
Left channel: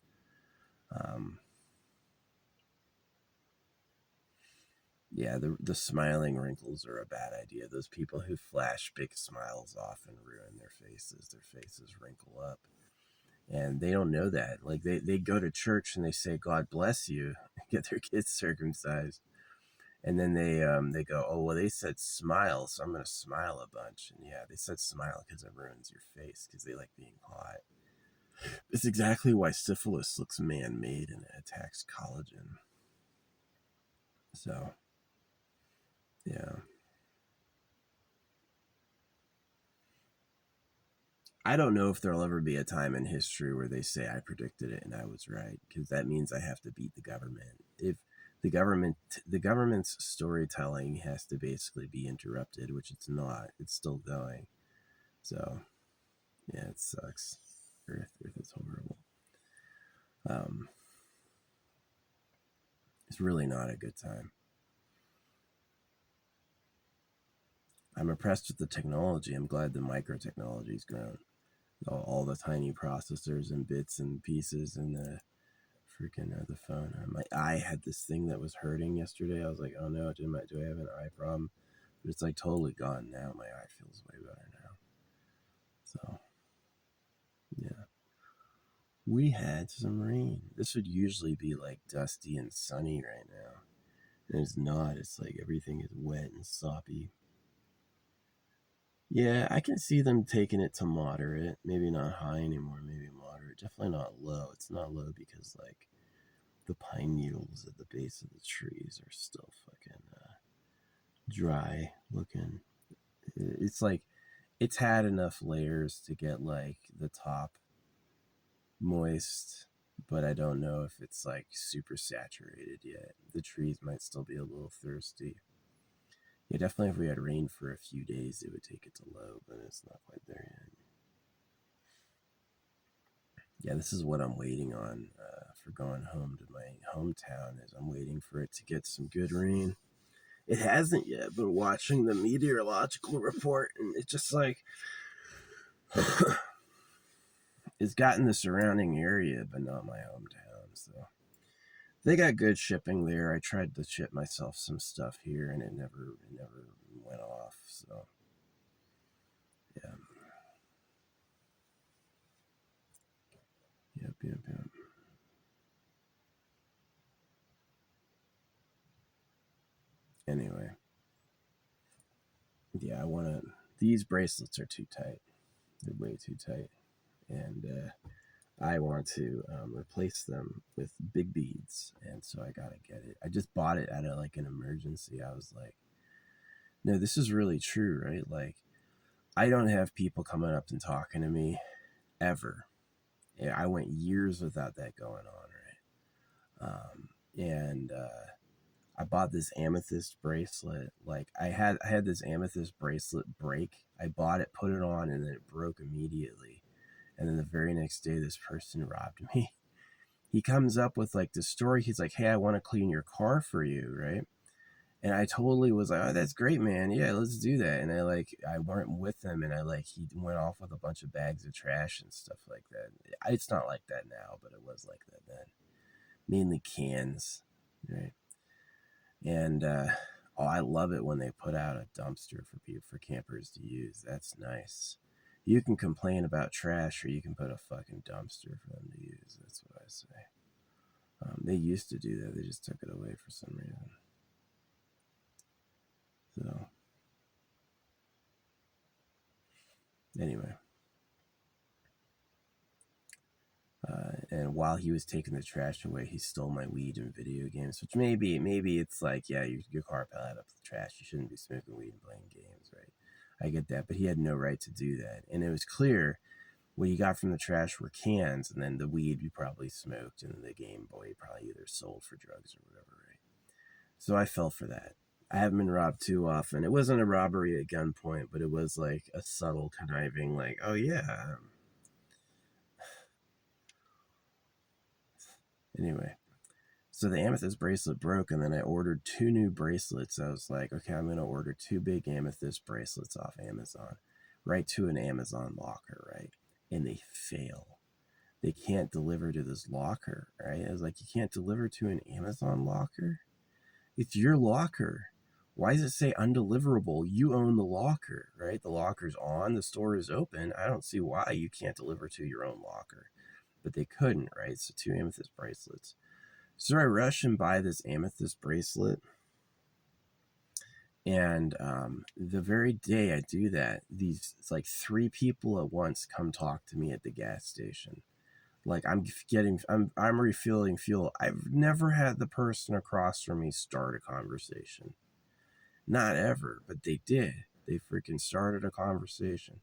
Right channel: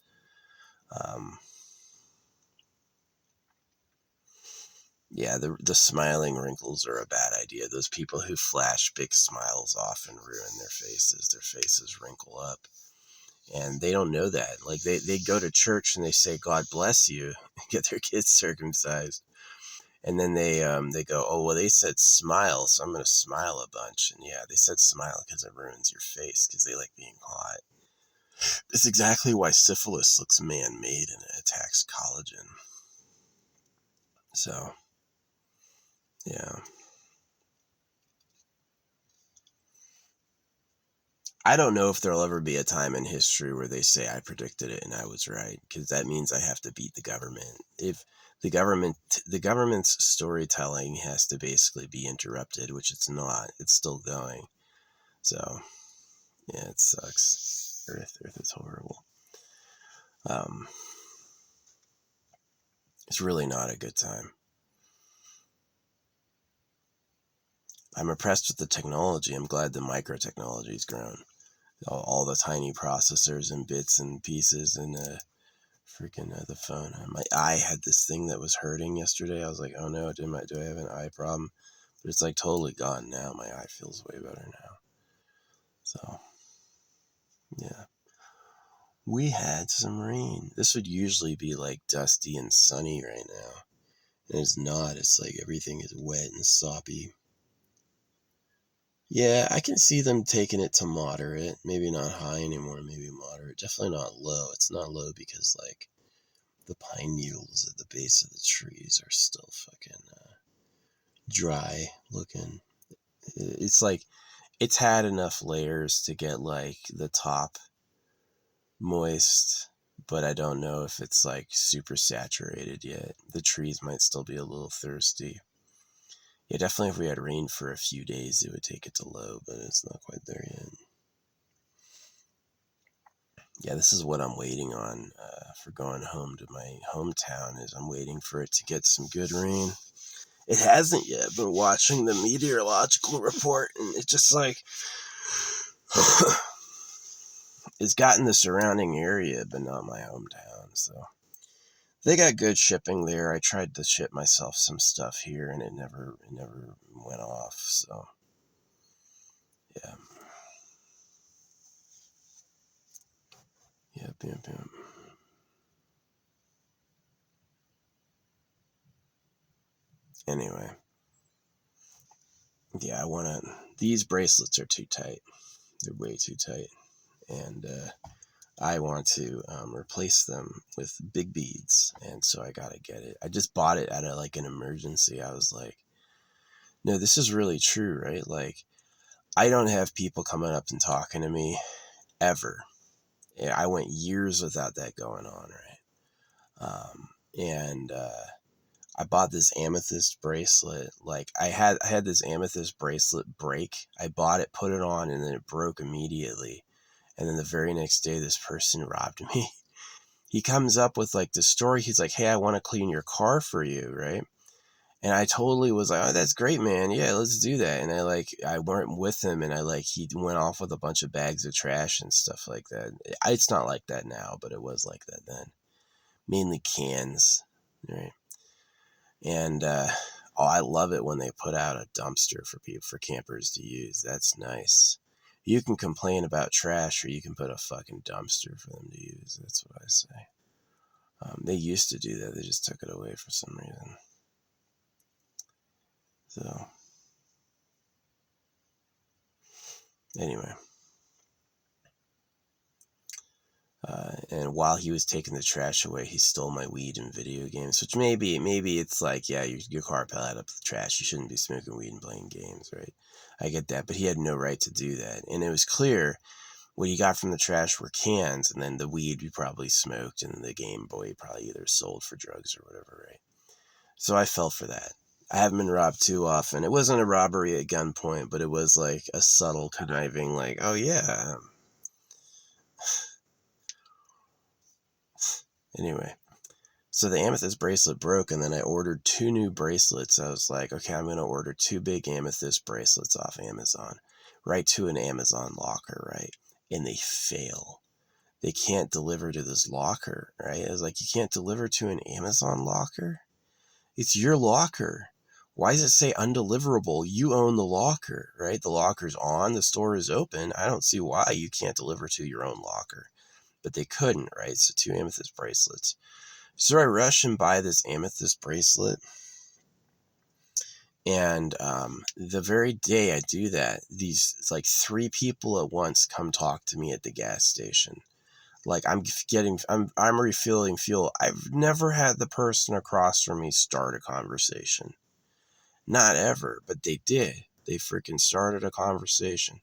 Um, yeah, the smiling wrinkles are a bad idea. Those people who flash big smiles often ruin their faces. Their faces wrinkle up. And they don't know that. Like they go to church and they say, God bless you, and get their kids circumcised. And then they go, oh well, they said smile, so I'm gonna smile a bunch. And yeah, they said smile because it ruins your face, because they like being hot. It's exactly why syphilis looks man-made and it attacks collagen. So yeah, I don't know if there'll ever be a time in history where they say I predicted it and I was right, because that means I have to beat the government. If the government's storytelling has to basically be interrupted, which it's not. It's still going. So yeah, it sucks. Earth is horrible. Um, it's really not a good time. I'm impressed with the technology. I'm glad the microtechnology's grown. All the tiny processors and bits and pieces and freaking the phone. My eye had this thing that was hurting yesterday. I was like, oh no, do I have an eye problem? But it's like totally gone now. My eye feels way better now. So yeah, we had some rain. This would usually be like dusty and sunny right now, and it's not. It's like everything is wet and soppy. Yeah, I can see them taking it to moderate. Maybe not high anymore, maybe moderate. Definitely not low. It's not low because like the pine needles at the base of the trees are still fucking dry looking. It's like it's had enough layers to get like the top moist, but I don't know if it's like super saturated yet. The trees might still be a little thirsty. Yeah, definitely if we had rain for a few days, it would take it to low, but it's not quite there yet. Yeah, this is what I'm waiting on for going home to my hometown. Is I'm waiting for it to get some good rain. It hasn't yet. I've been watching the meteorological report, and it's just like it's gotten the surrounding area, but not my hometown. So they got good shipping there. I tried to ship myself some stuff here, and it never went off. So yeah, yep. Anyway, yeah, I want to. These bracelets are too tight. They're way too tight, and I want to replace them with big beads, and so I gotta get it. I just bought it out of like an emergency. I was like, no, this is really true, right? Like, I don't have people coming up and talking to me ever. Yeah, I went years without that going on, right? And I bought this amethyst bracelet. Like I had this amethyst bracelet break. I bought it, put it on, and then it broke immediately. And then the very next day, this person robbed me. He comes up with like the story. He's like, "Hey, I want to clean your car for you," right? And I totally was like, "Oh, that's great, man. Yeah, let's do that." And I went with him, and he went off with a bunch of bags of trash and stuff like that. It's not like that now, but it was like that then. Mainly cans, right? And oh, I love it when they put out a dumpster for campers to use. That's nice. You can complain about trash, or you can put a fucking dumpster for them to use. That's what I say. They used to do that. They just took it away for some reason. So anyway, and while he was taking the trash away, he stole my weed and video games. Which maybe it's like, yeah, your car piled up with trash. You shouldn't be smoking weed and playing games, right? I get that, but he had no right to do that. And it was clear what he got from the trash were cans, and then the weed we probably smoked, and the Game Boy probably either sold for drugs or whatever, right? So I fell for that. I haven't been robbed too often. It wasn't a robbery at gunpoint, but it was like a subtle conniving, like, oh yeah. Anyway, so the amethyst bracelet broke, and then I ordered 2 new bracelets. I was like, okay, I'm going to order 2 big amethyst bracelets off Amazon, right to an Amazon locker, right? And they fail. They can't deliver to this locker, right? I was like, you can't deliver to an Amazon locker? It's your locker. Why does it say undeliverable? You own the locker, right? The locker's on, the store is open. I don't see why you can't deliver to your own locker. But they couldn't, right? So 2 amethyst bracelets. So I rush and buy this amethyst bracelet. And the very day I do that, these like 3 people at once come talk to me at the gas station. Like I'm refilling fuel. I've never had the person across from me start a conversation. Not ever, but they did. They freaking started a conversation.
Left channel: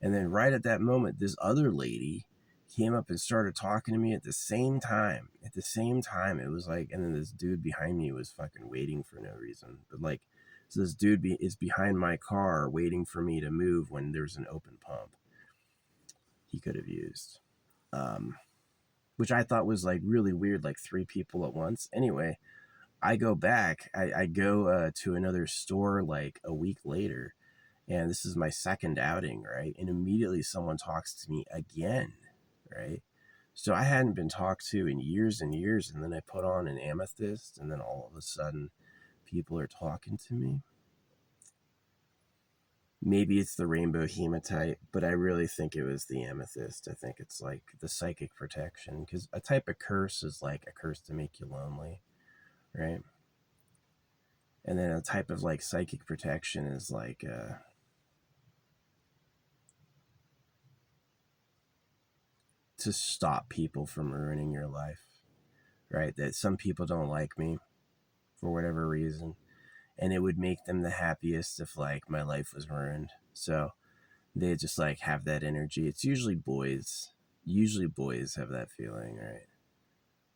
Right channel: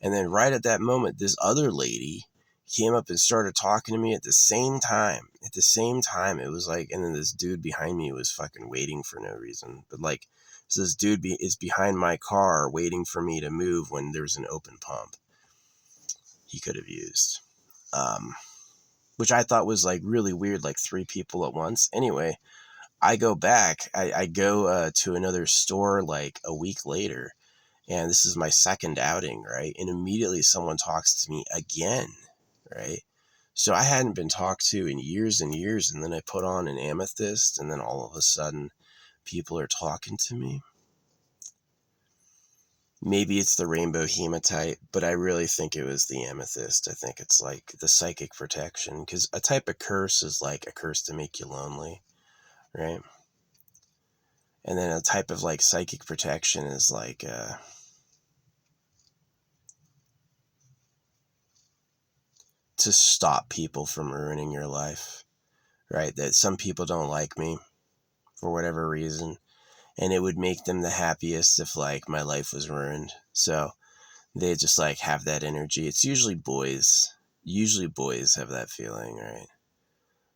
And then right at that moment, this other lady came up and started talking to me at the same time. At the same time, it was like, and then this dude behind me was fucking waiting for no reason. But like, so this dude is behind my car waiting for me to move when there's an open pump he could have used. Which I thought was like really weird, like 3 people at once. Anyway, I go back, I go to another store like a week later, and this is my second outing, right? And immediately someone talks to me again, right? So I hadn't been talked to in years and years, and then I put on an amethyst, and then all of a sudden people are talking to me. Maybe it's the rainbow hematite, but I really think it was the amethyst. I think it's like the psychic protection, because a type of curse is like a curse to make you lonely, right? And then a type of like psychic protection is like to stop people from ruining your life, right? That some people don't like me for whatever reason, and it would make them the happiest if like my life was ruined. So they just like have that energy. It's usually boys. Usually boys have that feeling, right?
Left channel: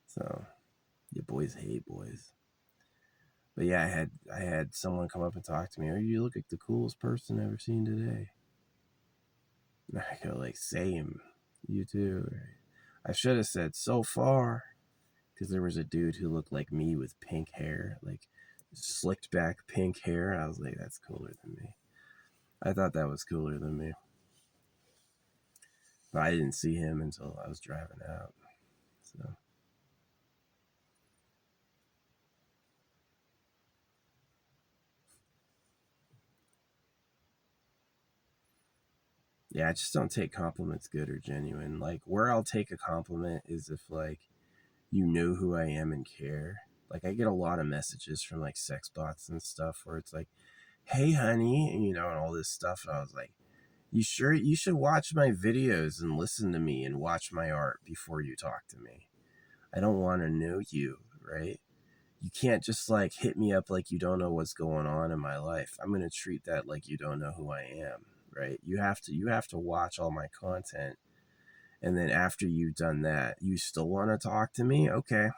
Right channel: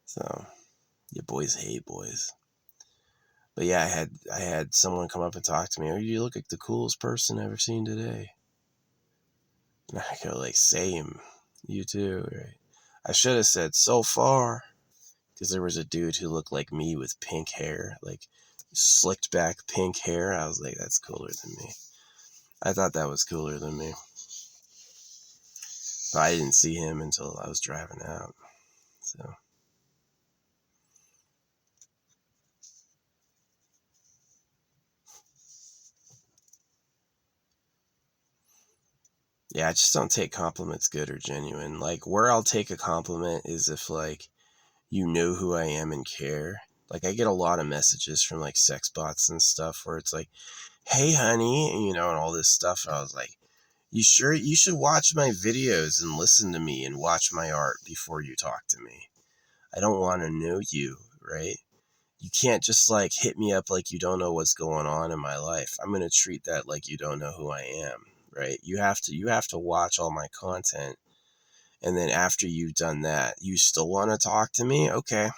So yeah, boys hate boys. But yeah, I had someone come up and talk to me. Oh, you look like the coolest person I've ever seen today. And I go like, same. You too, right? I should have said so far, because there was a dude who looked like me with pink hair, like slicked back pink hair. I was like, that's cooler than me. I thought that was cooler than me. But I didn't see him until I was driving out. So. Yeah, I just don't take compliments good or genuine. Like, where I'll take a compliment is if, like, you know who I am and care. Like, I get a lot of messages from, like, sex bots and stuff where it's like, hey, honey, and all this stuff. And I was like, you sure you should watch my videos and listen to me and watch my art before you talk to me. I don't want to know you, right? You can't just, like, hit me up like you don't know what's going on in my life. I'm going to treat that like you don't know who I am, right? You have to watch all my content. And then after you've done that, you still want to talk to me? Okay.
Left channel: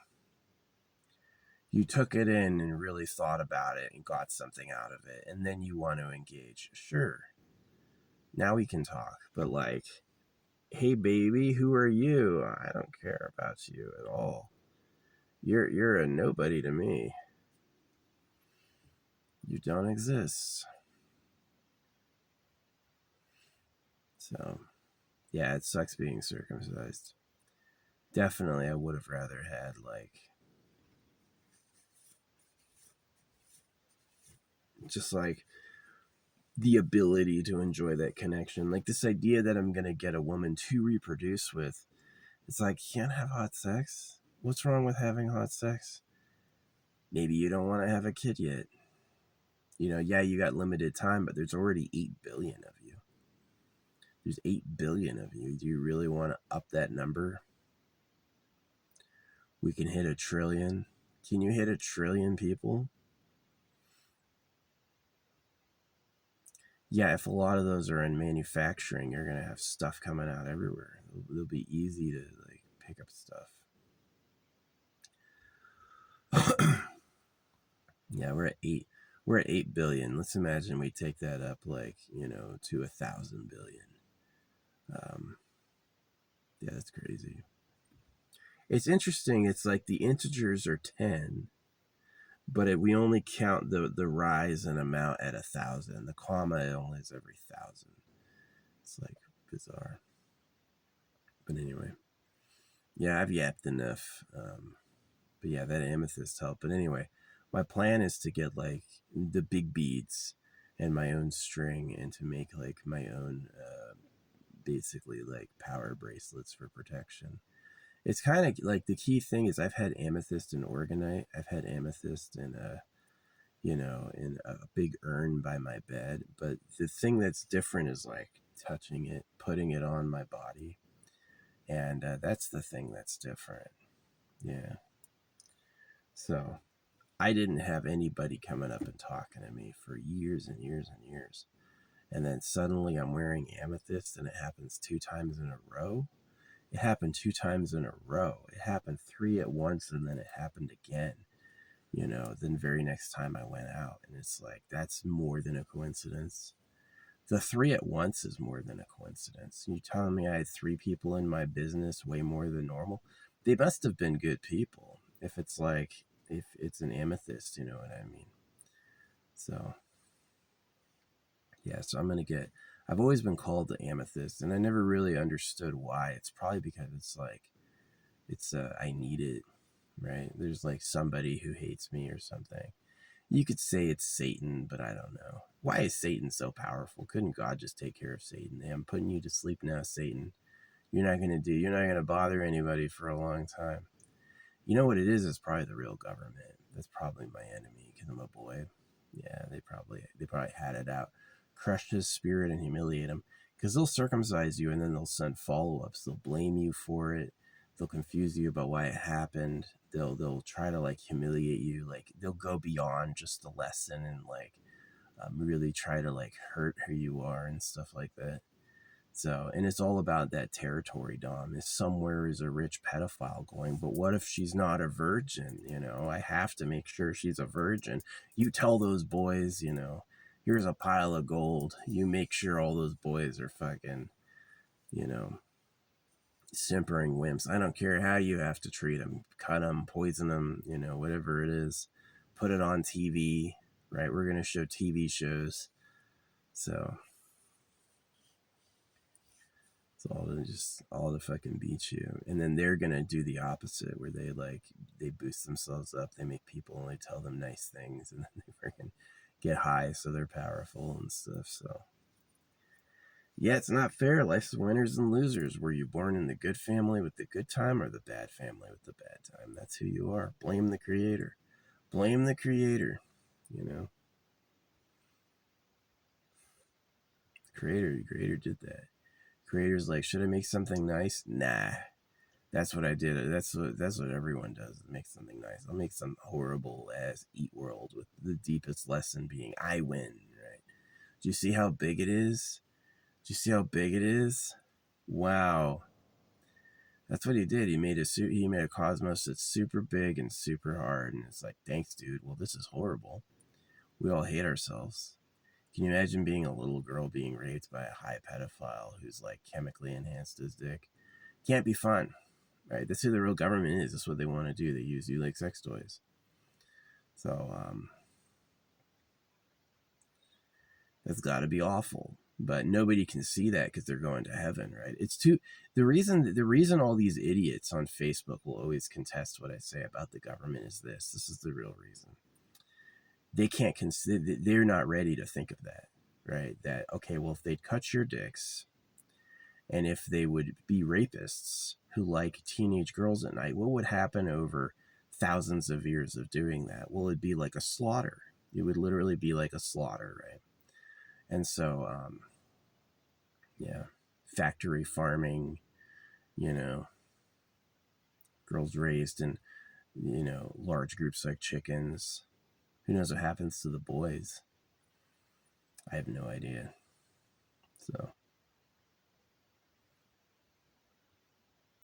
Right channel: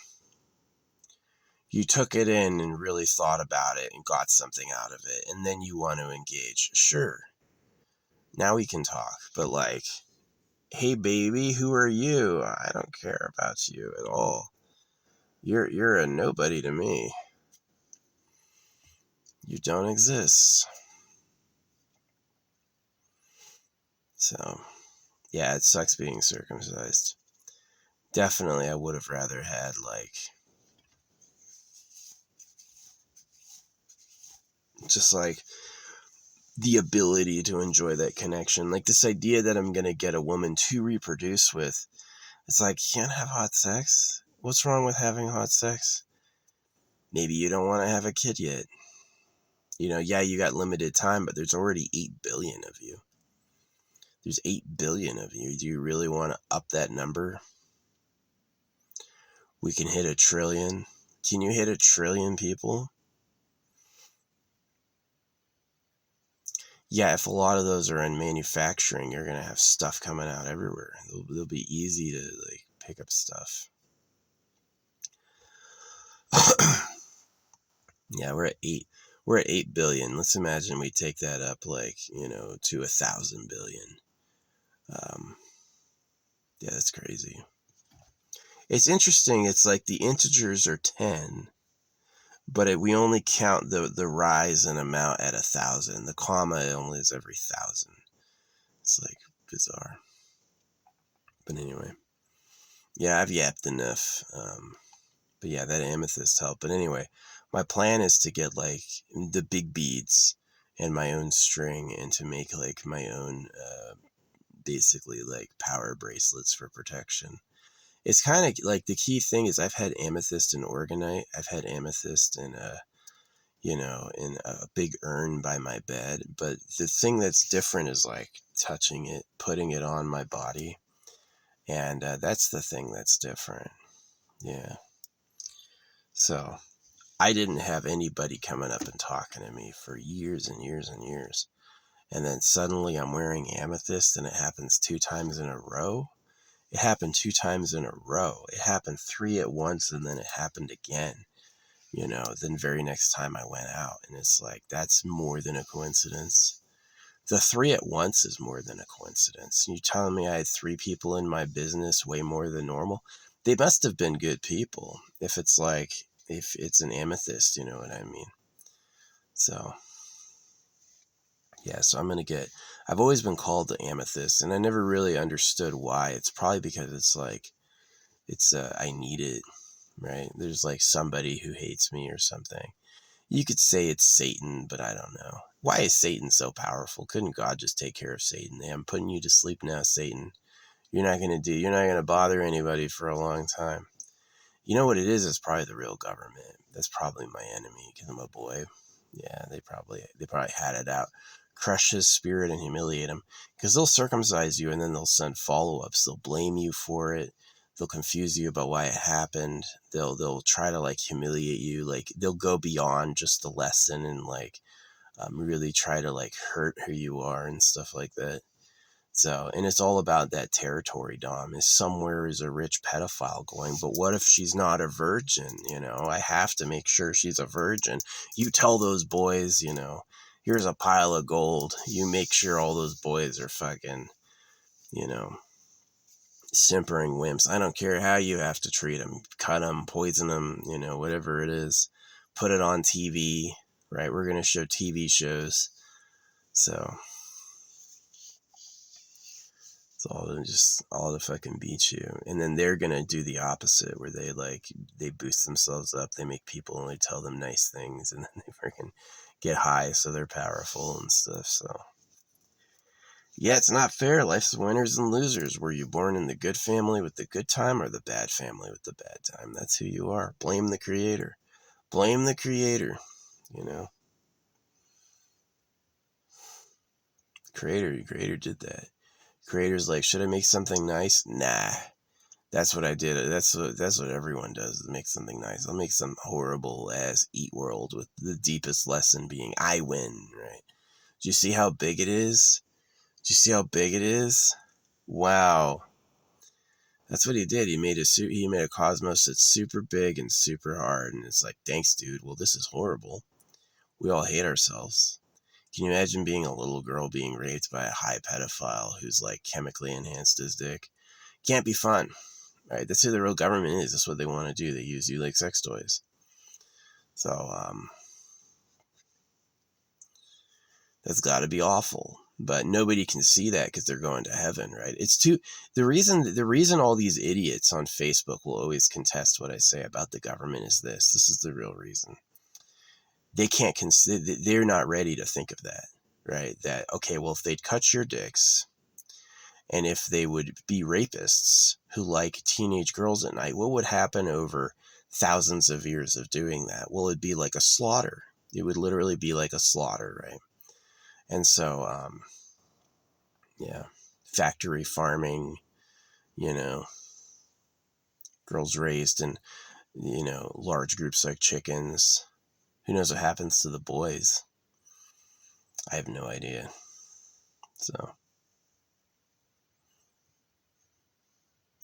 You took it in and really thought about it and got something out of it. And then you want to engage. Sure. Now we can talk. But, like, hey, baby, who are you? I don't care about you at all. You're a nobody to me. You don't exist. So, yeah, it sucks being circumcised. Definitely, I would have rather had, like, just, like, the ability to enjoy that connection. Like, this idea that I'm going to get a woman to reproduce with, it's like, you can't have hot sex? What's wrong with having hot sex? Maybe you don't want to have a kid yet. Yeah, you got limited time, but there's already 8 billion of you. There's 8 billion of you. Do you really want to up that number? We can hit 1 trillion. Can you hit 1 trillion people? Yeah, if a lot of those are in manufacturing, you're going to have stuff coming out everywhere. They'll be easy to, like, pick up stuff. Yeah, we're at 8 billion. Let's imagine we take that up, like, to 1,000 billion. Yeah, that's crazy. It's interesting. It's like the integers are 10, but we only count the rise in amount at 1,000. The comma only is every 1,000. It's, like, bizarre. But anyway, yeah, I've yapped enough. But yeah, that amethyst helped. But anyway, my plan is to get, like, the big beads and my own string, and to make, like, my own basically, like, power bracelets for protection. It's kind of like, the key thing is, I've had amethyst and organite. I've had amethyst in in a big urn by my bed. But the thing that's different is, like, touching it, putting it on my body. And that's the thing that's different. Yeah. So I didn't have anybody coming up and talking to me for years and years and years. And then suddenly I'm wearing amethyst, and it happens 2 times in a row. It happened 2 times in a row. It happened 3 at once, and then it happened again, then very next time I went out. And it's like, that's more than a coincidence. The 3 at once is more than a coincidence. You telling me I had 3 people in my business way more than normal? They must have been good people. If it's an amethyst, you know what I mean? So, yeah, so I've always been called the amethyst, and I never really understood why. It's probably because it's like, I need it, right? There's, like, somebody who hates me or something. You could say it's Satan, but I don't know. Why is Satan so powerful? Couldn't God just take care of Satan? Hey, I'm putting you to sleep now, Satan. You're not going to bother anybody for a long time. You know what it is? It's probably the real government. That's probably my enemy, because I'm a boy. Yeah, they probably had it out. Crush his spirit and humiliate him. Because they'll circumcise you, and then they'll send follow-ups. They'll blame you for it. They'll confuse you about why it happened. They'll try to, like, humiliate you. Like, they'll go beyond just the lesson, and, like, really try to, like, hurt who you are and stuff like that. So, and it's all about that territory, Dom. Is somewhere is a rich pedophile going, but what if she's not a virgin? I have to make sure she's a virgin. You tell those boys, here's a pile of gold. You make sure all those boys are fucking, simpering wimps. I don't care how you have to treat them, cut them, poison them, whatever it is. put it on TV, right? We're going to show TV shows. So it's all to fucking beat you. And then they're going to do the opposite, where they boost themselves up. They make people only tell them nice things, and then they freaking get high so they're powerful and stuff. So yeah, it's not fair. Life's winners and losers. Were you born in the good family with the good time, or the bad family with the bad time? That's who you are. Blame the creator. Blame the creator. You know, creator did that. Creator's like, should I make something nice? Nah, that's what I did. That's what everyone does. Make something nice. I'll make some horrible ass Eat World with the deepest lesson being I win. Right? Do you see how big it is? Do you see how big it is? Wow. That's what he did. He made a cosmos that's super big and super hard. And it's like, thanks, dude. Well, this is horrible. We all hate ourselves. Can you imagine being a little girl being raped by a high pedophile who's like chemically enhanced his dick? Can't be fun, right? That's who the real government is. That's what they want to do. They use you like sex toys. So, that's got to be awful. But nobody can see that because they're going to heaven, right? The reason all these idiots on Facebook will always contest what I say about the government is this. This is the real reason. They can't consider, they're not ready to think of that, right? That, okay, well, if they'd cut your dicks, and if they would be rapists who like teenage girls at night, what would happen over thousands of years of doing that? Well, it'd be like a slaughter. It would literally be like a slaughter, right? And so, yeah, factory farming, girls raised in, large groups like chickens. Who knows what happens to the boys? I have no idea. So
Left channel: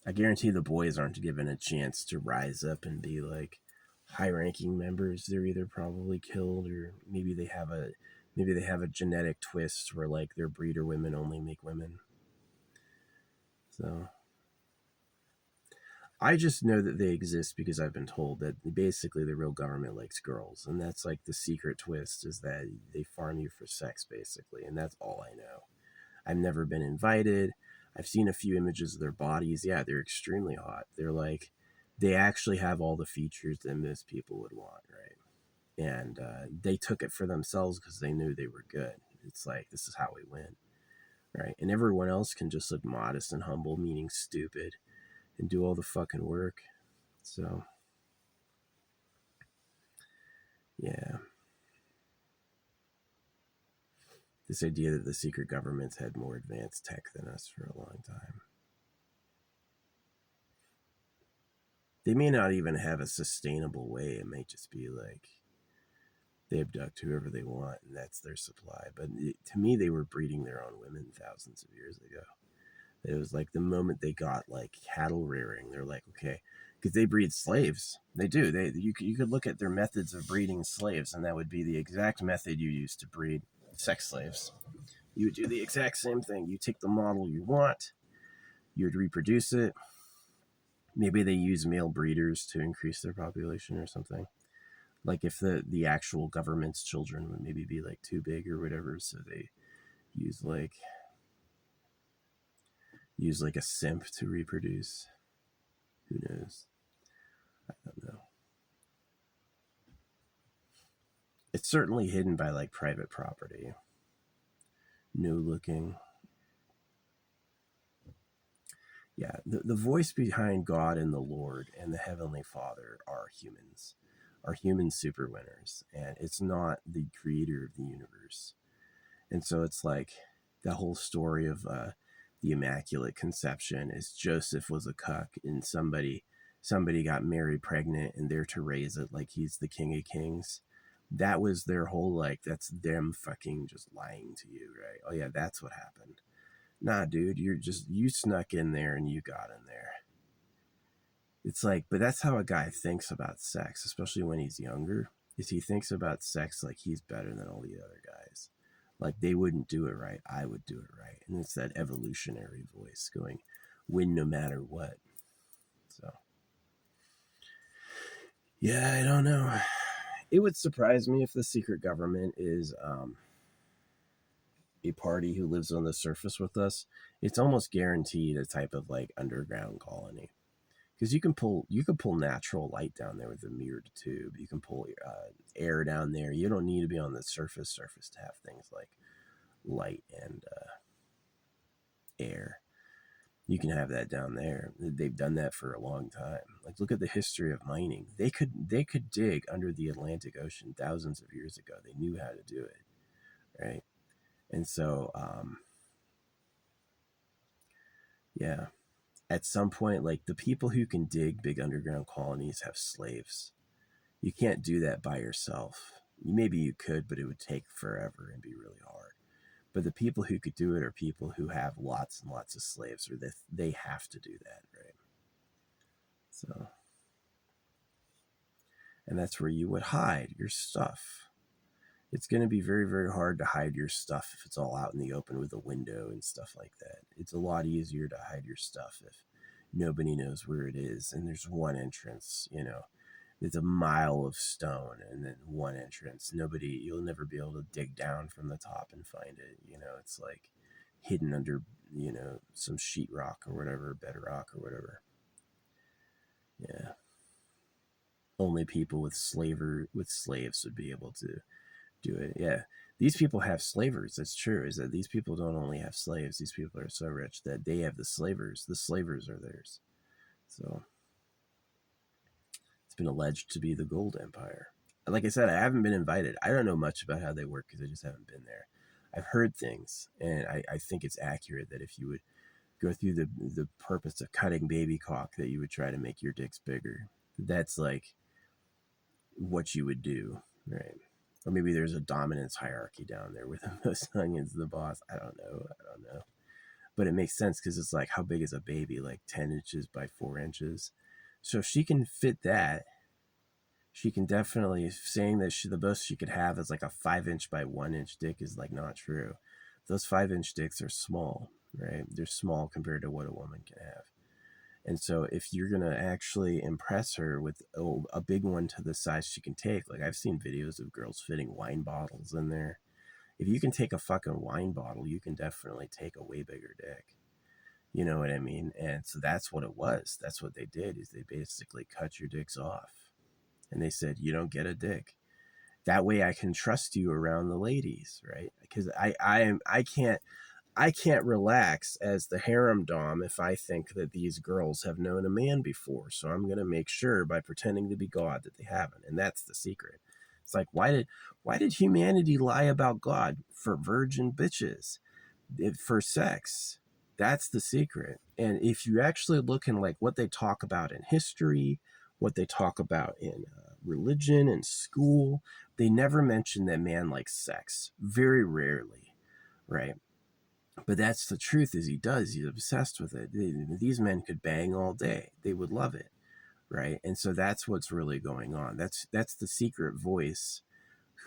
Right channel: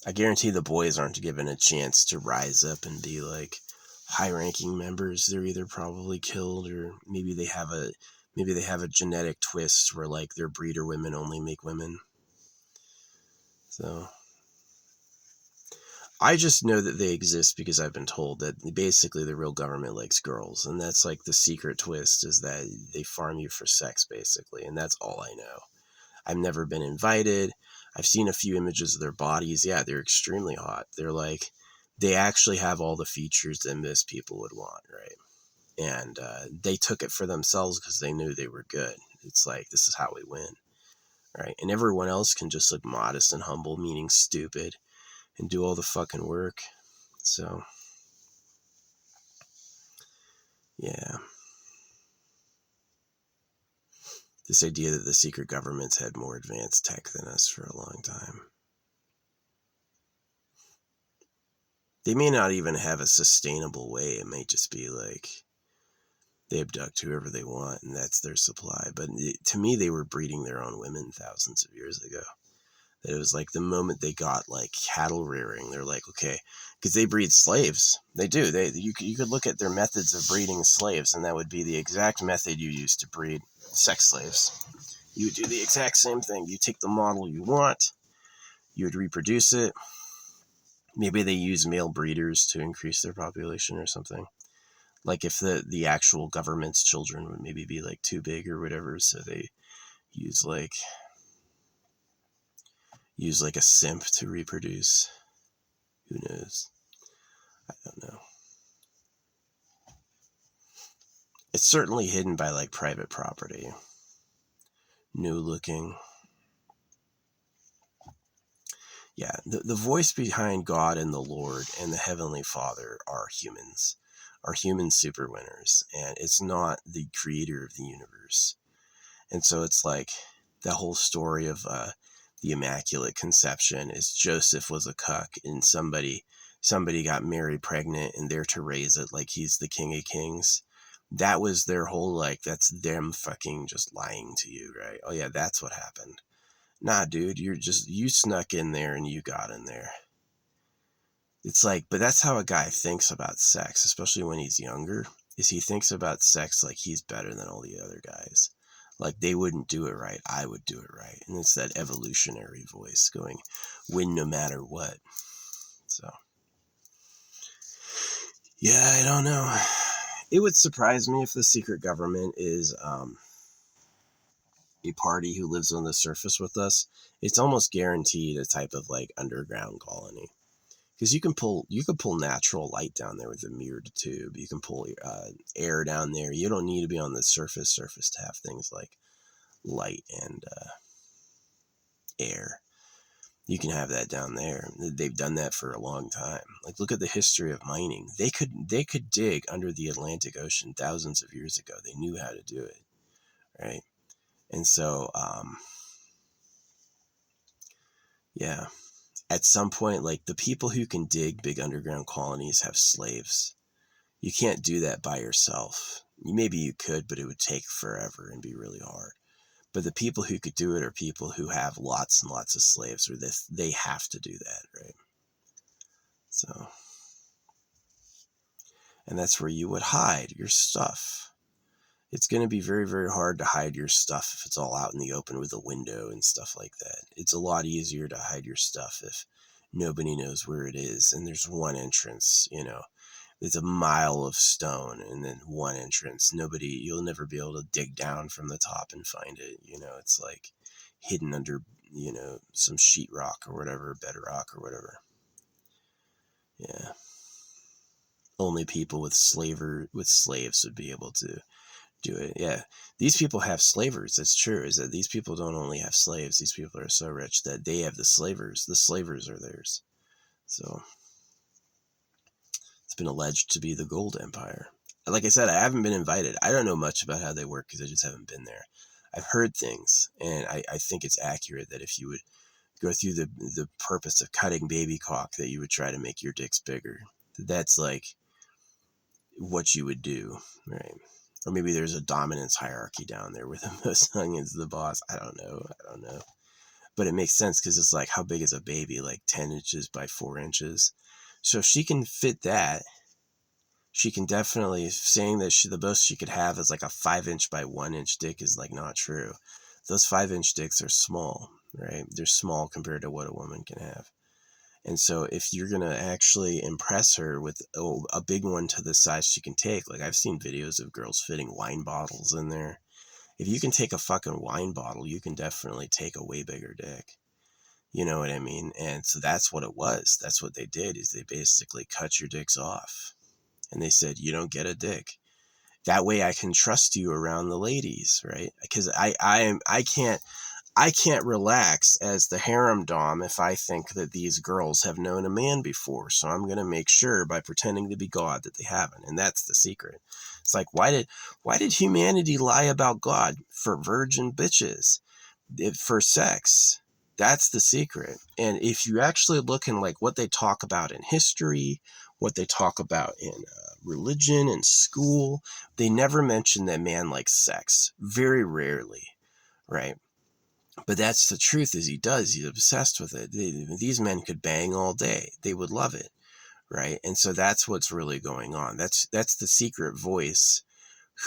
I guarantee the boys aren't given a chance to rise up and be like high-ranking members. They're either probably killed, or maybe they have a genetic twist where like their breeder women only make women. So I just know that they exist because I've been told that basically the real government likes girls, and that's like the secret twist, is that they farm you for sex basically, and that's all I know. I've never been invited. I've seen a few images of their bodies. Yeah, they're extremely hot. They actually have all the features that most people would want, right? And they took it for themselves because they knew they were good. It's like, this is how we win, right? And everyone else can just look modest and humble, meaning stupid, and do all the fucking work. So, yeah. This idea that the secret governments had more advanced tech than us for a long time. They may not even have a sustainable way. It may just be like they abduct whoever they want and that's their supply. But to me, they were breeding their own women thousands of years ago. It was like the moment they got like cattle rearing, they're like, okay, because they breed slaves. They do. You could look at their methods of breeding slaves, and that would be the exact method you use to breed sex slaves. You would do the exact same thing. You take the model you want, you would reproduce it. Maybe they use male breeders to increase their population or something. Like if the actual government's children would maybe be like too big or whatever, so they use like a simp to reproduce. Who knows? I don't know. It's certainly hidden by like private property. New looking. Yeah, the voice behind God and the Lord and the Heavenly Father are humans super winners, and it's not the creator of the universe. And so it's like the whole story of the Immaculate Conception is Joseph was a cuck, and somebody got Mary pregnant, and they're to raise it like he's the King of Kings. That was their whole, like, that's them fucking just lying to you, right? Oh yeah, that's what happened. Nah, dude, you snuck in there and you got in there. It's like, but that's how a guy thinks about sex, especially when he's younger, is he thinks about sex like he's better than all the other guys. Like they wouldn't do it right, I would do it right. And it's that evolutionary voice going, win no matter what. So, yeah, I don't know. It would surprise me if the secret government is a party who lives on the surface with us. It's almost guaranteed a type of like underground colony, because you can pull natural light down there with a mirrored tube. You can pull air down there. You don't need to be on the surface to have things like light and air. You can have that down there. They've done that for a long time. Like, look at the history of mining. They could dig under the Atlantic Ocean thousands of years ago. They knew how to do it, right? And so yeah, at some point, like, the people who can dig big underground colonies have slaves. You can't do that by yourself. Maybe you could, but it would take forever and be really hard. But the people who could do it are people who have lots and lots of slaves, or they have to do that, right? So, and that's where you would hide your stuff. It's going to be very, very hard to hide your stuff if it's all out in the open with a window and stuff like that. It's a lot easier to hide your stuff if nobody knows where it is and there's one entrance, it's a mile of stone and then one entrance. You'll never be able to dig down from the top and find it. It's like hidden under, some sheetrock or whatever, bedrock or whatever. Yeah. Only people with slaves would be able to do it. Yeah. These people have slavers. That's true. Is that these people don't only have slaves. These people are so rich that they have the slavers. The slavers are theirs. So it's been alleged to be the Gold Empire. Like I said, I haven't been invited. I don't know much about how they work because I just haven't been there. I've heard things, and I think it's accurate that if you would go through the purpose of cutting baby cock, that you would try to make your dicks bigger. That's like what you would do, right? Or maybe there's a dominance hierarchy down there where the most hung is the boss. I don't know. But it makes sense because it's like, how big is a baby? Like 10 inches by 4 inches. So if she can fit that, she can definitely, saying that the most she could have is like a 5-inch by 1-inch dick is like not true. Those 5-inch dicks are small, right? They're small compared to what a woman can have. And so if you're going to actually impress her with a big one to the size she can take, like I've seen videos of girls fitting wine bottles in there. If you can take a fucking wine bottle, you can definitely take a way bigger dick. You know what I mean? And so that's what it was. That's what they did, is they basically cut your dicks off. And they said, you don't get a dick. That way I can trust you around the ladies, right? Because I can't relax as the harem dom if I think that these girls have known a man before. So I'm going to make sure by pretending to be God that they haven't. And that's the secret. It's like, why did humanity lie about God? For virgin bitches, for sex. That's the secret. And if you actually look in like what they talk about in history, what they talk about in religion and school, they never mention that man likes sex. Very rarely, right? But that's the truth, is he does. He's obsessed with it. These men could bang all day. They would love it, right? And so that's what's really going on. That's the secret voice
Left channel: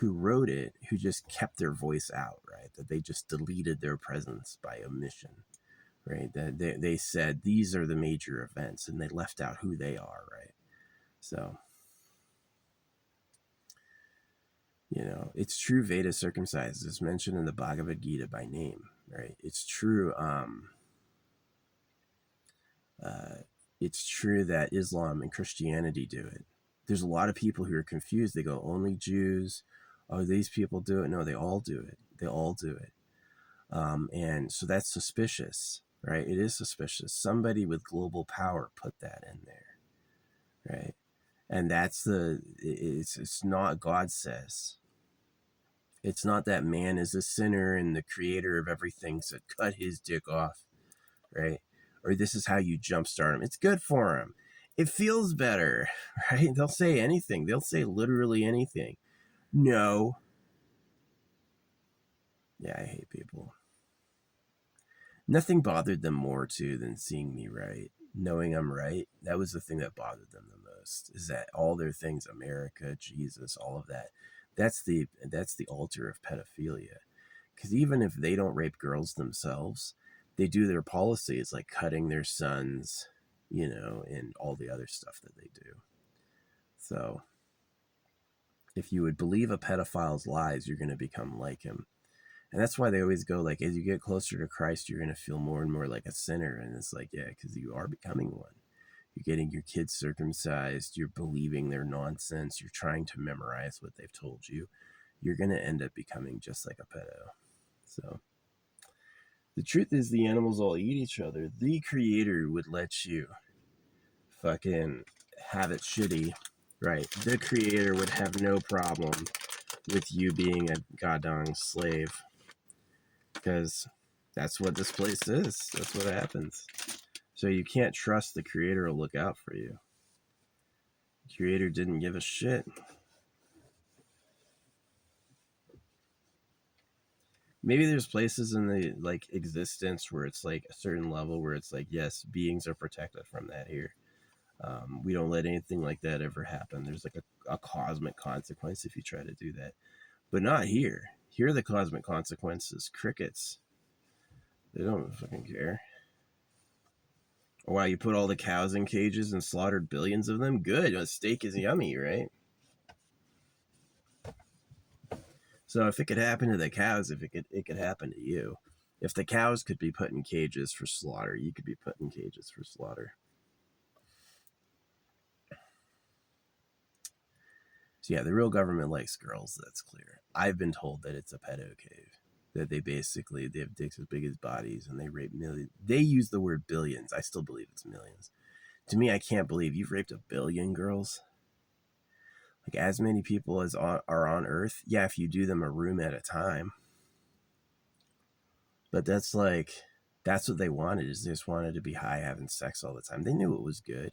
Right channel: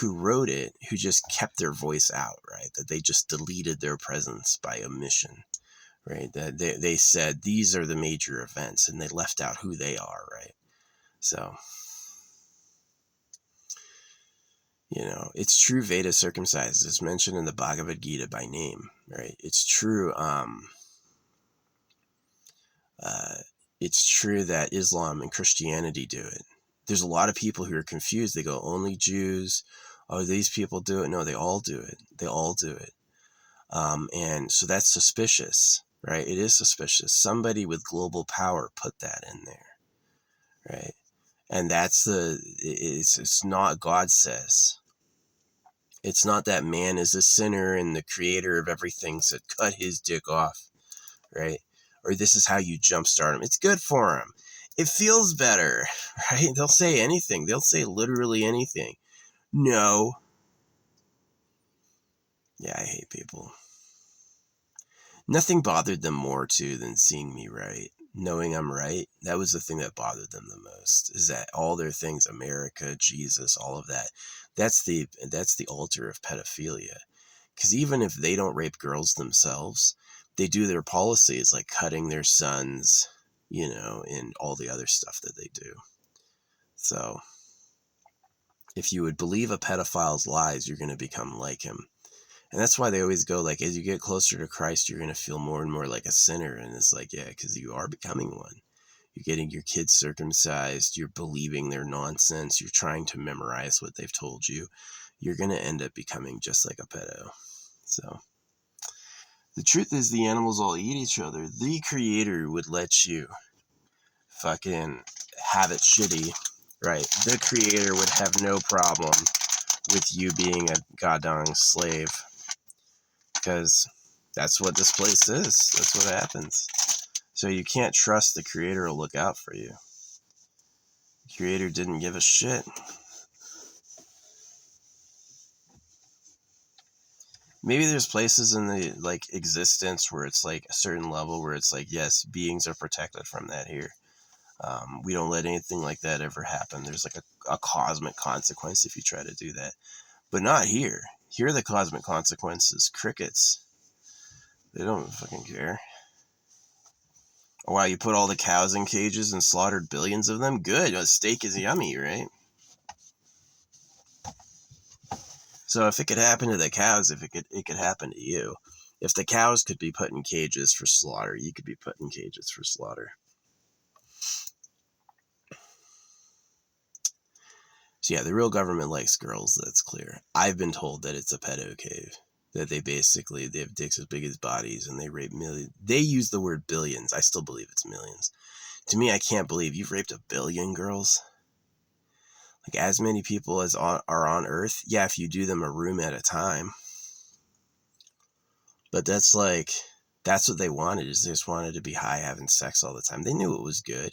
who wrote it, who just kept their voice out, right? That they just deleted their presence by omission, right? That they said these are the major events and they left out who they are, right? So, it's true Veda circumcised is mentioned in the Bhagavad Gita by name, right? It's true. It's true that Islam and Christianity do it. There's a lot of people who are confused. They go, only Jews. Oh, these people do it. No, they all do it. They all do it. And so that's suspicious, right? It is suspicious. Somebody with global power put that in there, right? And it's not God says. It's not that man is a sinner and the creator of everything said cut his dick off, right? Or this is how you jumpstart him. It's good for him. It feels better, right? They'll say anything. They'll say literally anything. No. Yeah, I hate people. Nothing bothered them more, too, than seeing me right. Knowing I'm right. That was the thing that bothered them the most, is that all their things, America, Jesus, all of that, that's the altar of pedophilia. Because even if they don't rape girls themselves, they do their policies like cutting their sons, and all the other stuff that they do. So If you would believe a pedophile's lies, you're going to become like him. And that's why they always go like, as you get closer to Christ, you're going to feel more and more like a sinner. And it's like, yeah, because you are becoming one. You're getting your kids circumcised. You're believing their nonsense. You're trying to memorize what they've told you. You're going to end up becoming just like a pedo. So the truth is the animals all eat each other. The creator would let you fucking have it shitty, right? The creator would have no problem with you being a goddamn slave, because that's what this place is. That's what happens. So you can't trust the creator will look out for you. The creator didn't give a shit. Maybe there's places in the like existence where it's like a certain level where it's like, yes, beings are protected from that here. We don't let anything like that ever happen. There's like a cosmic consequence if you try to do that. But not here. Here the cosmic consequence is crickets. They don't fucking care. Wow, you put all the cows in cages and slaughtered billions of them? Good. A steak is yummy, right? So if it could happen to the cows, if it could happen to you. If the cows could be put in cages for slaughter, you could be put in cages for slaughter. So yeah, the real government likes girls, that's clear. I've been told that it's a pedo cave. That they have dicks as big as bodies and they rape millions. They use the word billions. I still believe it's millions. To me, I can't believe you've raped 1 billion girls. Like as many people as are on Earth. Yeah, if you do them a room at a time. But that's what they wanted, is they just wanted to be high having sex all the time. They knew it was good.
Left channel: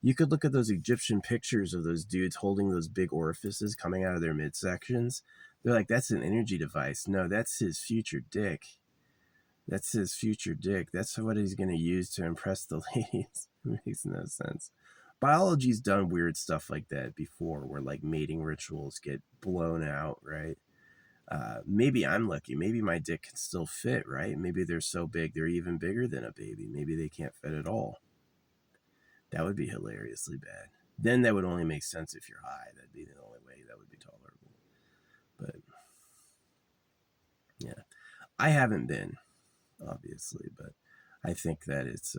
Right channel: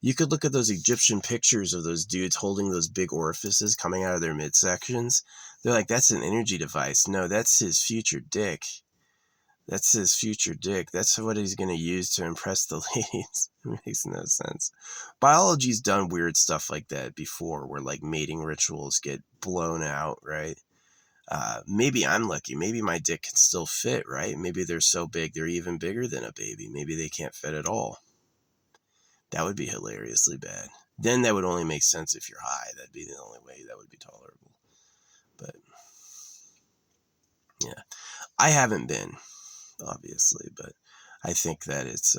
You could look at those Egyptian pictures of those dudes holding those big orifices coming out of their midsections. They're like, that's an energy device. No, that's his future dick. That's his future dick. That's what he's going to use to impress the ladies. It makes no sense. Biology's done weird stuff like that before, where like mating rituals get blown out, right? Maybe I'm lucky. Maybe my dick can still fit, right? Maybe they're so big they're even bigger than a baby. Maybe they can't fit at all. That would be hilariously bad. Then that would only make sense if you're high. That'd be the only way that would be tolerable. But yeah, I haven't been, obviously, but I think that it's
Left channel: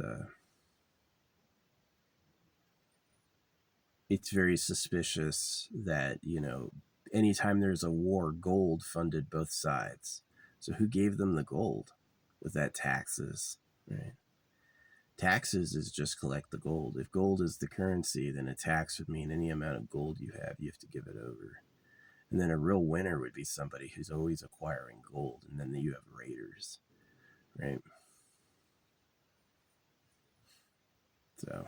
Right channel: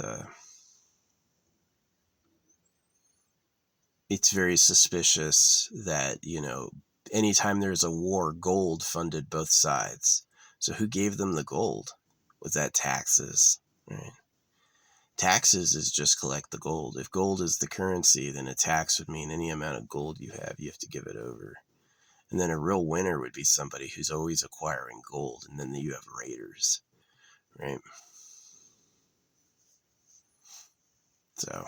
very suspicious that, anytime there's a war, gold funded both sides. So who gave them the gold? Was that taxes? Right. Taxes is just collect the gold. If gold is the currency, then a tax would mean any amount of gold you have to give it over. And then a real winner would be somebody who's always acquiring gold. And then you have raiders, right? So,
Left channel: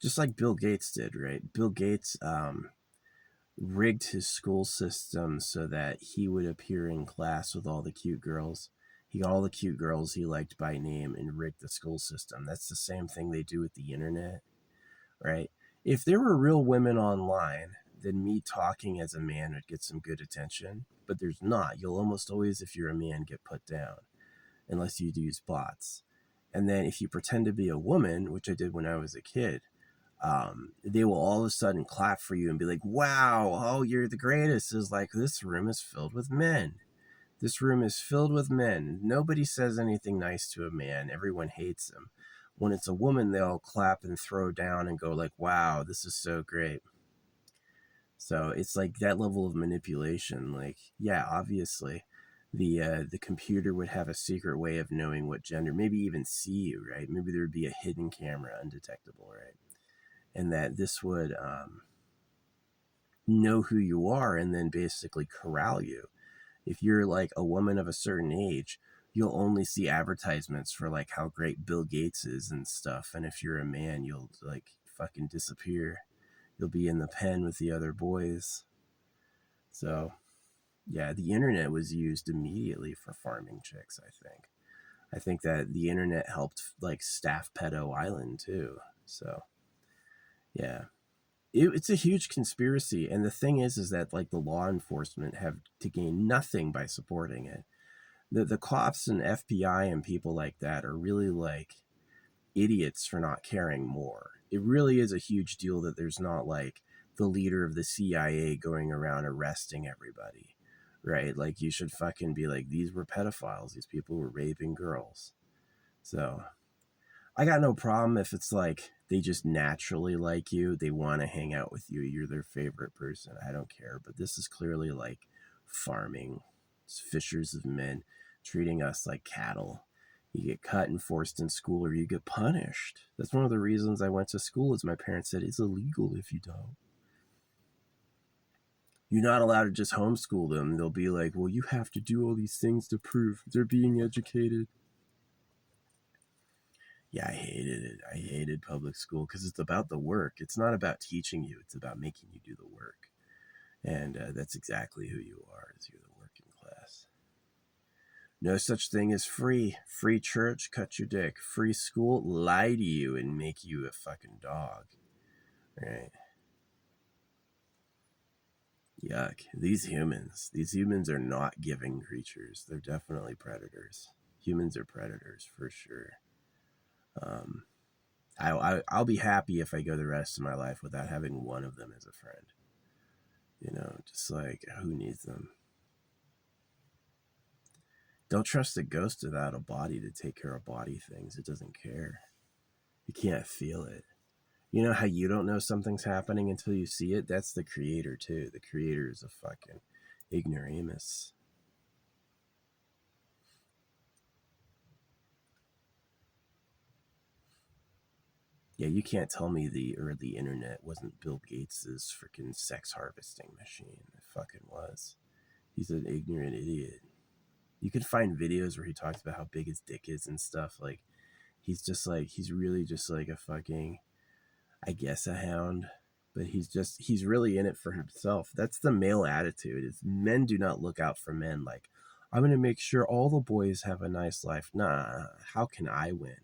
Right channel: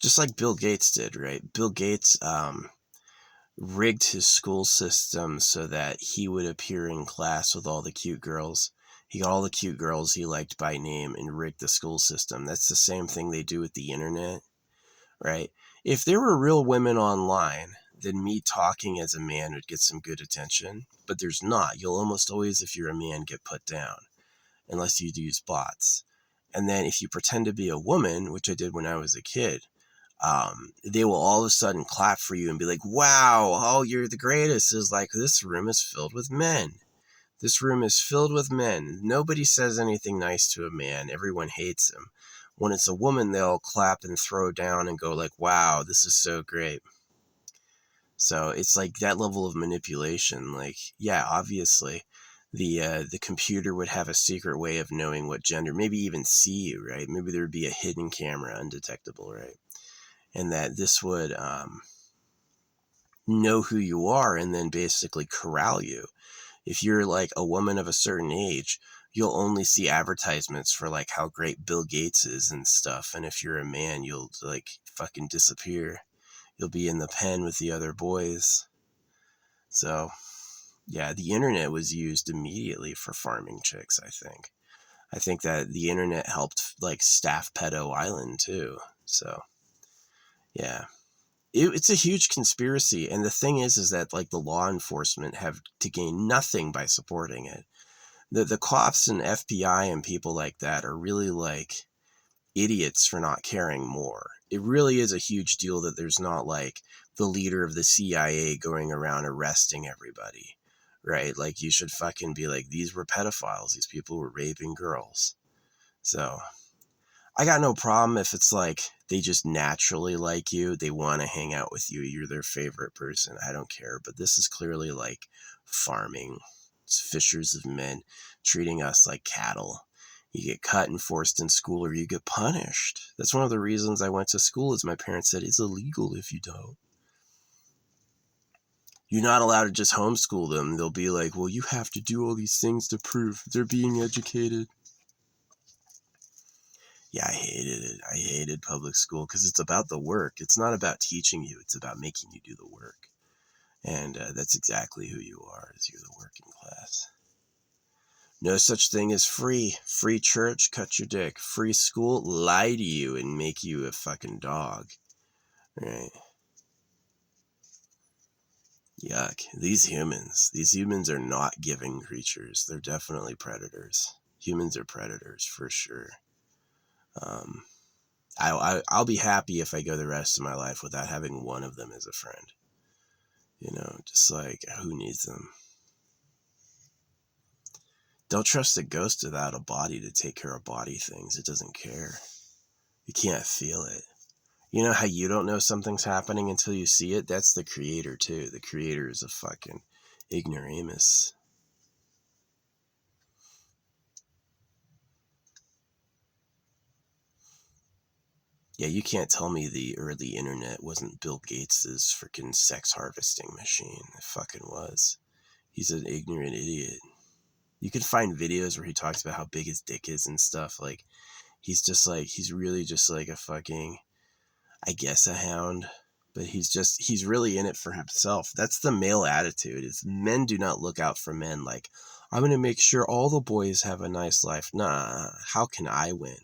just like Bill Gates did, right? Bill Gates rigged his school system so that he would appear in class with all the cute girls. He got all the cute girls he liked by name and rigged the school system. That's the same thing they do with the internet, right? If there were real women online, then me talking as a man would get some good attention, but there's not. You'll almost always, if you're a man, get put down, unless you use bots. And then if you pretend to be a woman, which I did when I was a kid, they will all of a sudden clap for you and be like, wow, oh, you're the greatest. It's like, this room is filled with men. This room is filled with men. Nobody says anything nice to a man. Everyone hates him. When it's a woman, they'll clap and throw down and go like, wow, this is so great. So it's like that level of manipulation. Like, yeah, obviously the computer would have a secret way of knowing what gender, maybe even see you, right? Maybe there would be a hidden camera, undetectable, right? And that this would know who you are and then basically corral you. If you're like a woman of a certain age, you'll only see advertisements for like how great Bill Gates is and stuff. And if you're a man, you'll like fucking disappear. You'll be in the pen with the other boys. So yeah, the internet was used immediately for farming chicks, I think. I think that the internet helped like staff Pedo Island too. So yeah. It's a huge conspiracy, and the thing is that like the law enforcement have to gain nothing by supporting it. The cops and FBI and people like that are really like idiots for not caring more. it really is a huge deal that there's not like the leader of the CIA going around arresting everybody, right? Like you should fucking be like, these were pedophiles. These people were raping girls. So I got no problem if it's like they just naturally like you. They want to hang out with you. You're their favorite person. I don't care. But this is clearly like farming. It's fishers of men treating us like cattle. You get cut and forced in school or you get punished. That's one of the reasons I went to school is my parents said it's illegal if you don't. You're not allowed to just homeschool them. They'll be like, well, you have to do all these things to prove they're being educated. Yeah, I hated it. I hated public school because it's about the work. It's not about teaching you. It's about making you do the work. And that's exactly who you are, is you're the working class. No such thing as free. Free church, cut your dick. Free school, lie to you and make you a fucking dog. Right? Yuck. These humans are not giving creatures. They're definitely predators. Humans are predators, for sure. I'll be happy if I go the rest of my life without having one of them as a friend. You know, just like, who needs them? Don't trust a ghost without a body to take care of body things. It doesn't care. You can't feel it. You know how you don't know something's happening until you see it? That's the creator, too. The creator is a fucking ignoramus. Yeah, you can't tell me the early internet wasn't Bill Gates's freaking sex harvesting machine. It fucking was. He's an ignorant idiot. You can find videos where he talks about how big his dick is and stuff. Like, he's really just like a fucking, I guess, a hound. But he's really in it for himself. That's the male attitude, is men do not look out for men like, I'm going to make sure all the boys have a nice life. Nah, how can I win?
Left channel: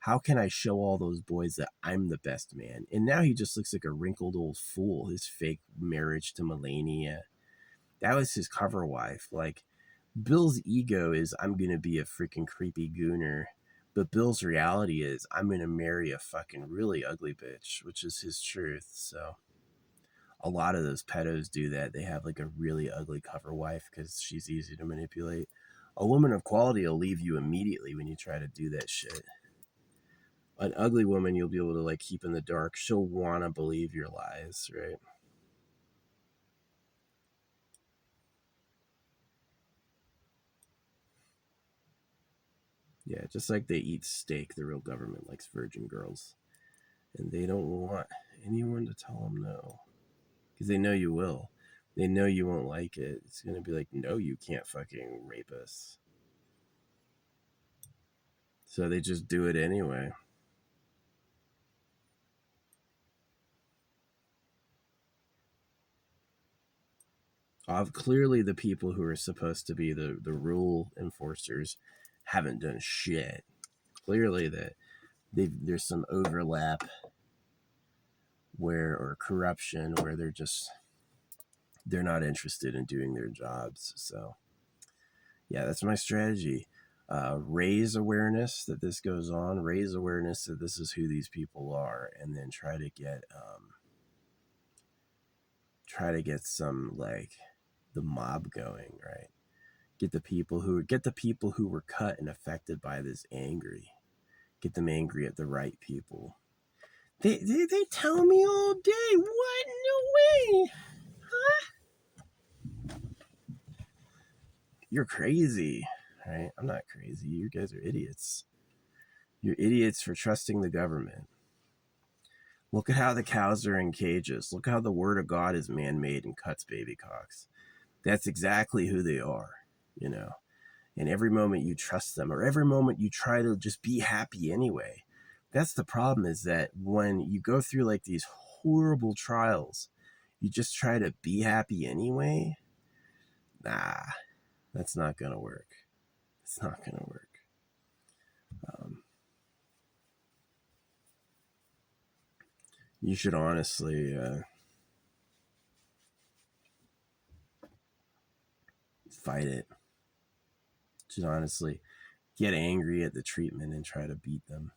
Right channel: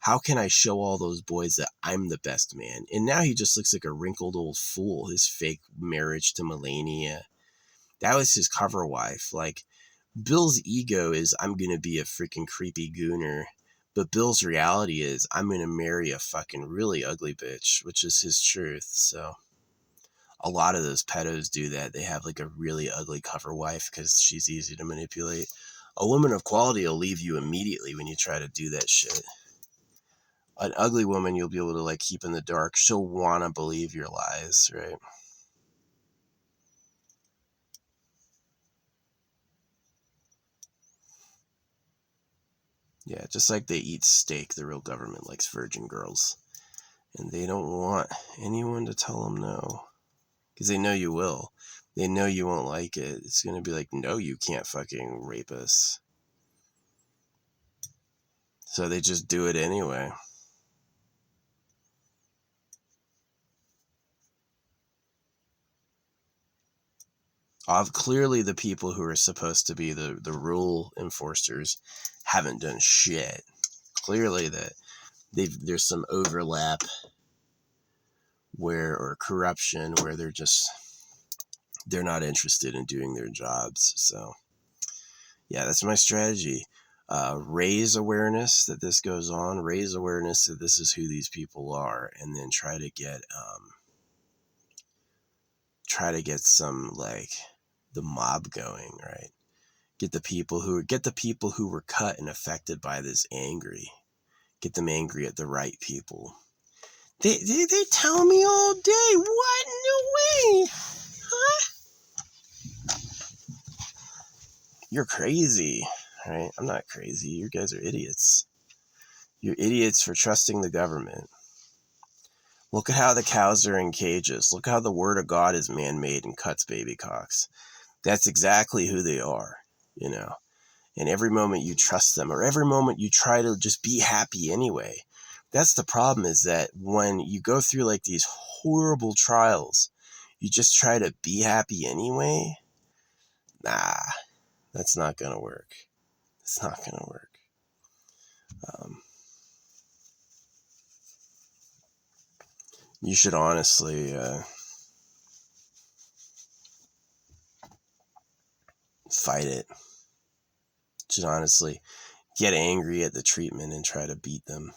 How can I show all those boys that I'm the best man? And now he just looks like a wrinkled old fool. His fake marriage to Melania. That was his cover wife. Like, Bill's ego is, I'm going to be a freaking creepy gooner. But Bill's reality is, I'm going to marry a fucking really ugly bitch, which is his truth. So a lot of those pedos do that. They have like a really ugly cover wife because she's easy to manipulate. A woman of quality will leave you immediately when you try to do that shit. An ugly woman you'll be able to like keep in the dark. She'll want to believe your lies, right? Yeah, just like they eat steak, the real government likes virgin girls. And they don't want anyone to tell them no. Because they know you will. They know you won't like it. It's going to be like, no, you can't fucking rape us. So they just do it anyway. Clearly the people who are supposed to be the rule enforcers haven't done shit. Clearly that there's some overlap or corruption where they're not interested in doing their jobs. So yeah, that's my strategy. Raise awareness that this goes on, raise awareness that this is who these people are, and then try to get some like the mob going, right? Get the people who were cut and affected by this angry. Get them angry at the right people. They tell me all day, what? No way. Huh? You're crazy, right? I'm not crazy. You guys are idiots. You're idiots for trusting the government. Look at how the cows are in cages. Look how the word of God is man-made and cuts baby cocks. That's exactly who they are, you know. And every moment you trust them, or every moment you try to just be happy anyway. That's the problem, is that when you go through like these horrible trials, you just try to be happy anyway. Nah, that's not going to work. It's not going to work. You should honestly fight it. You should honestly get angry at the treatment and try to beat them.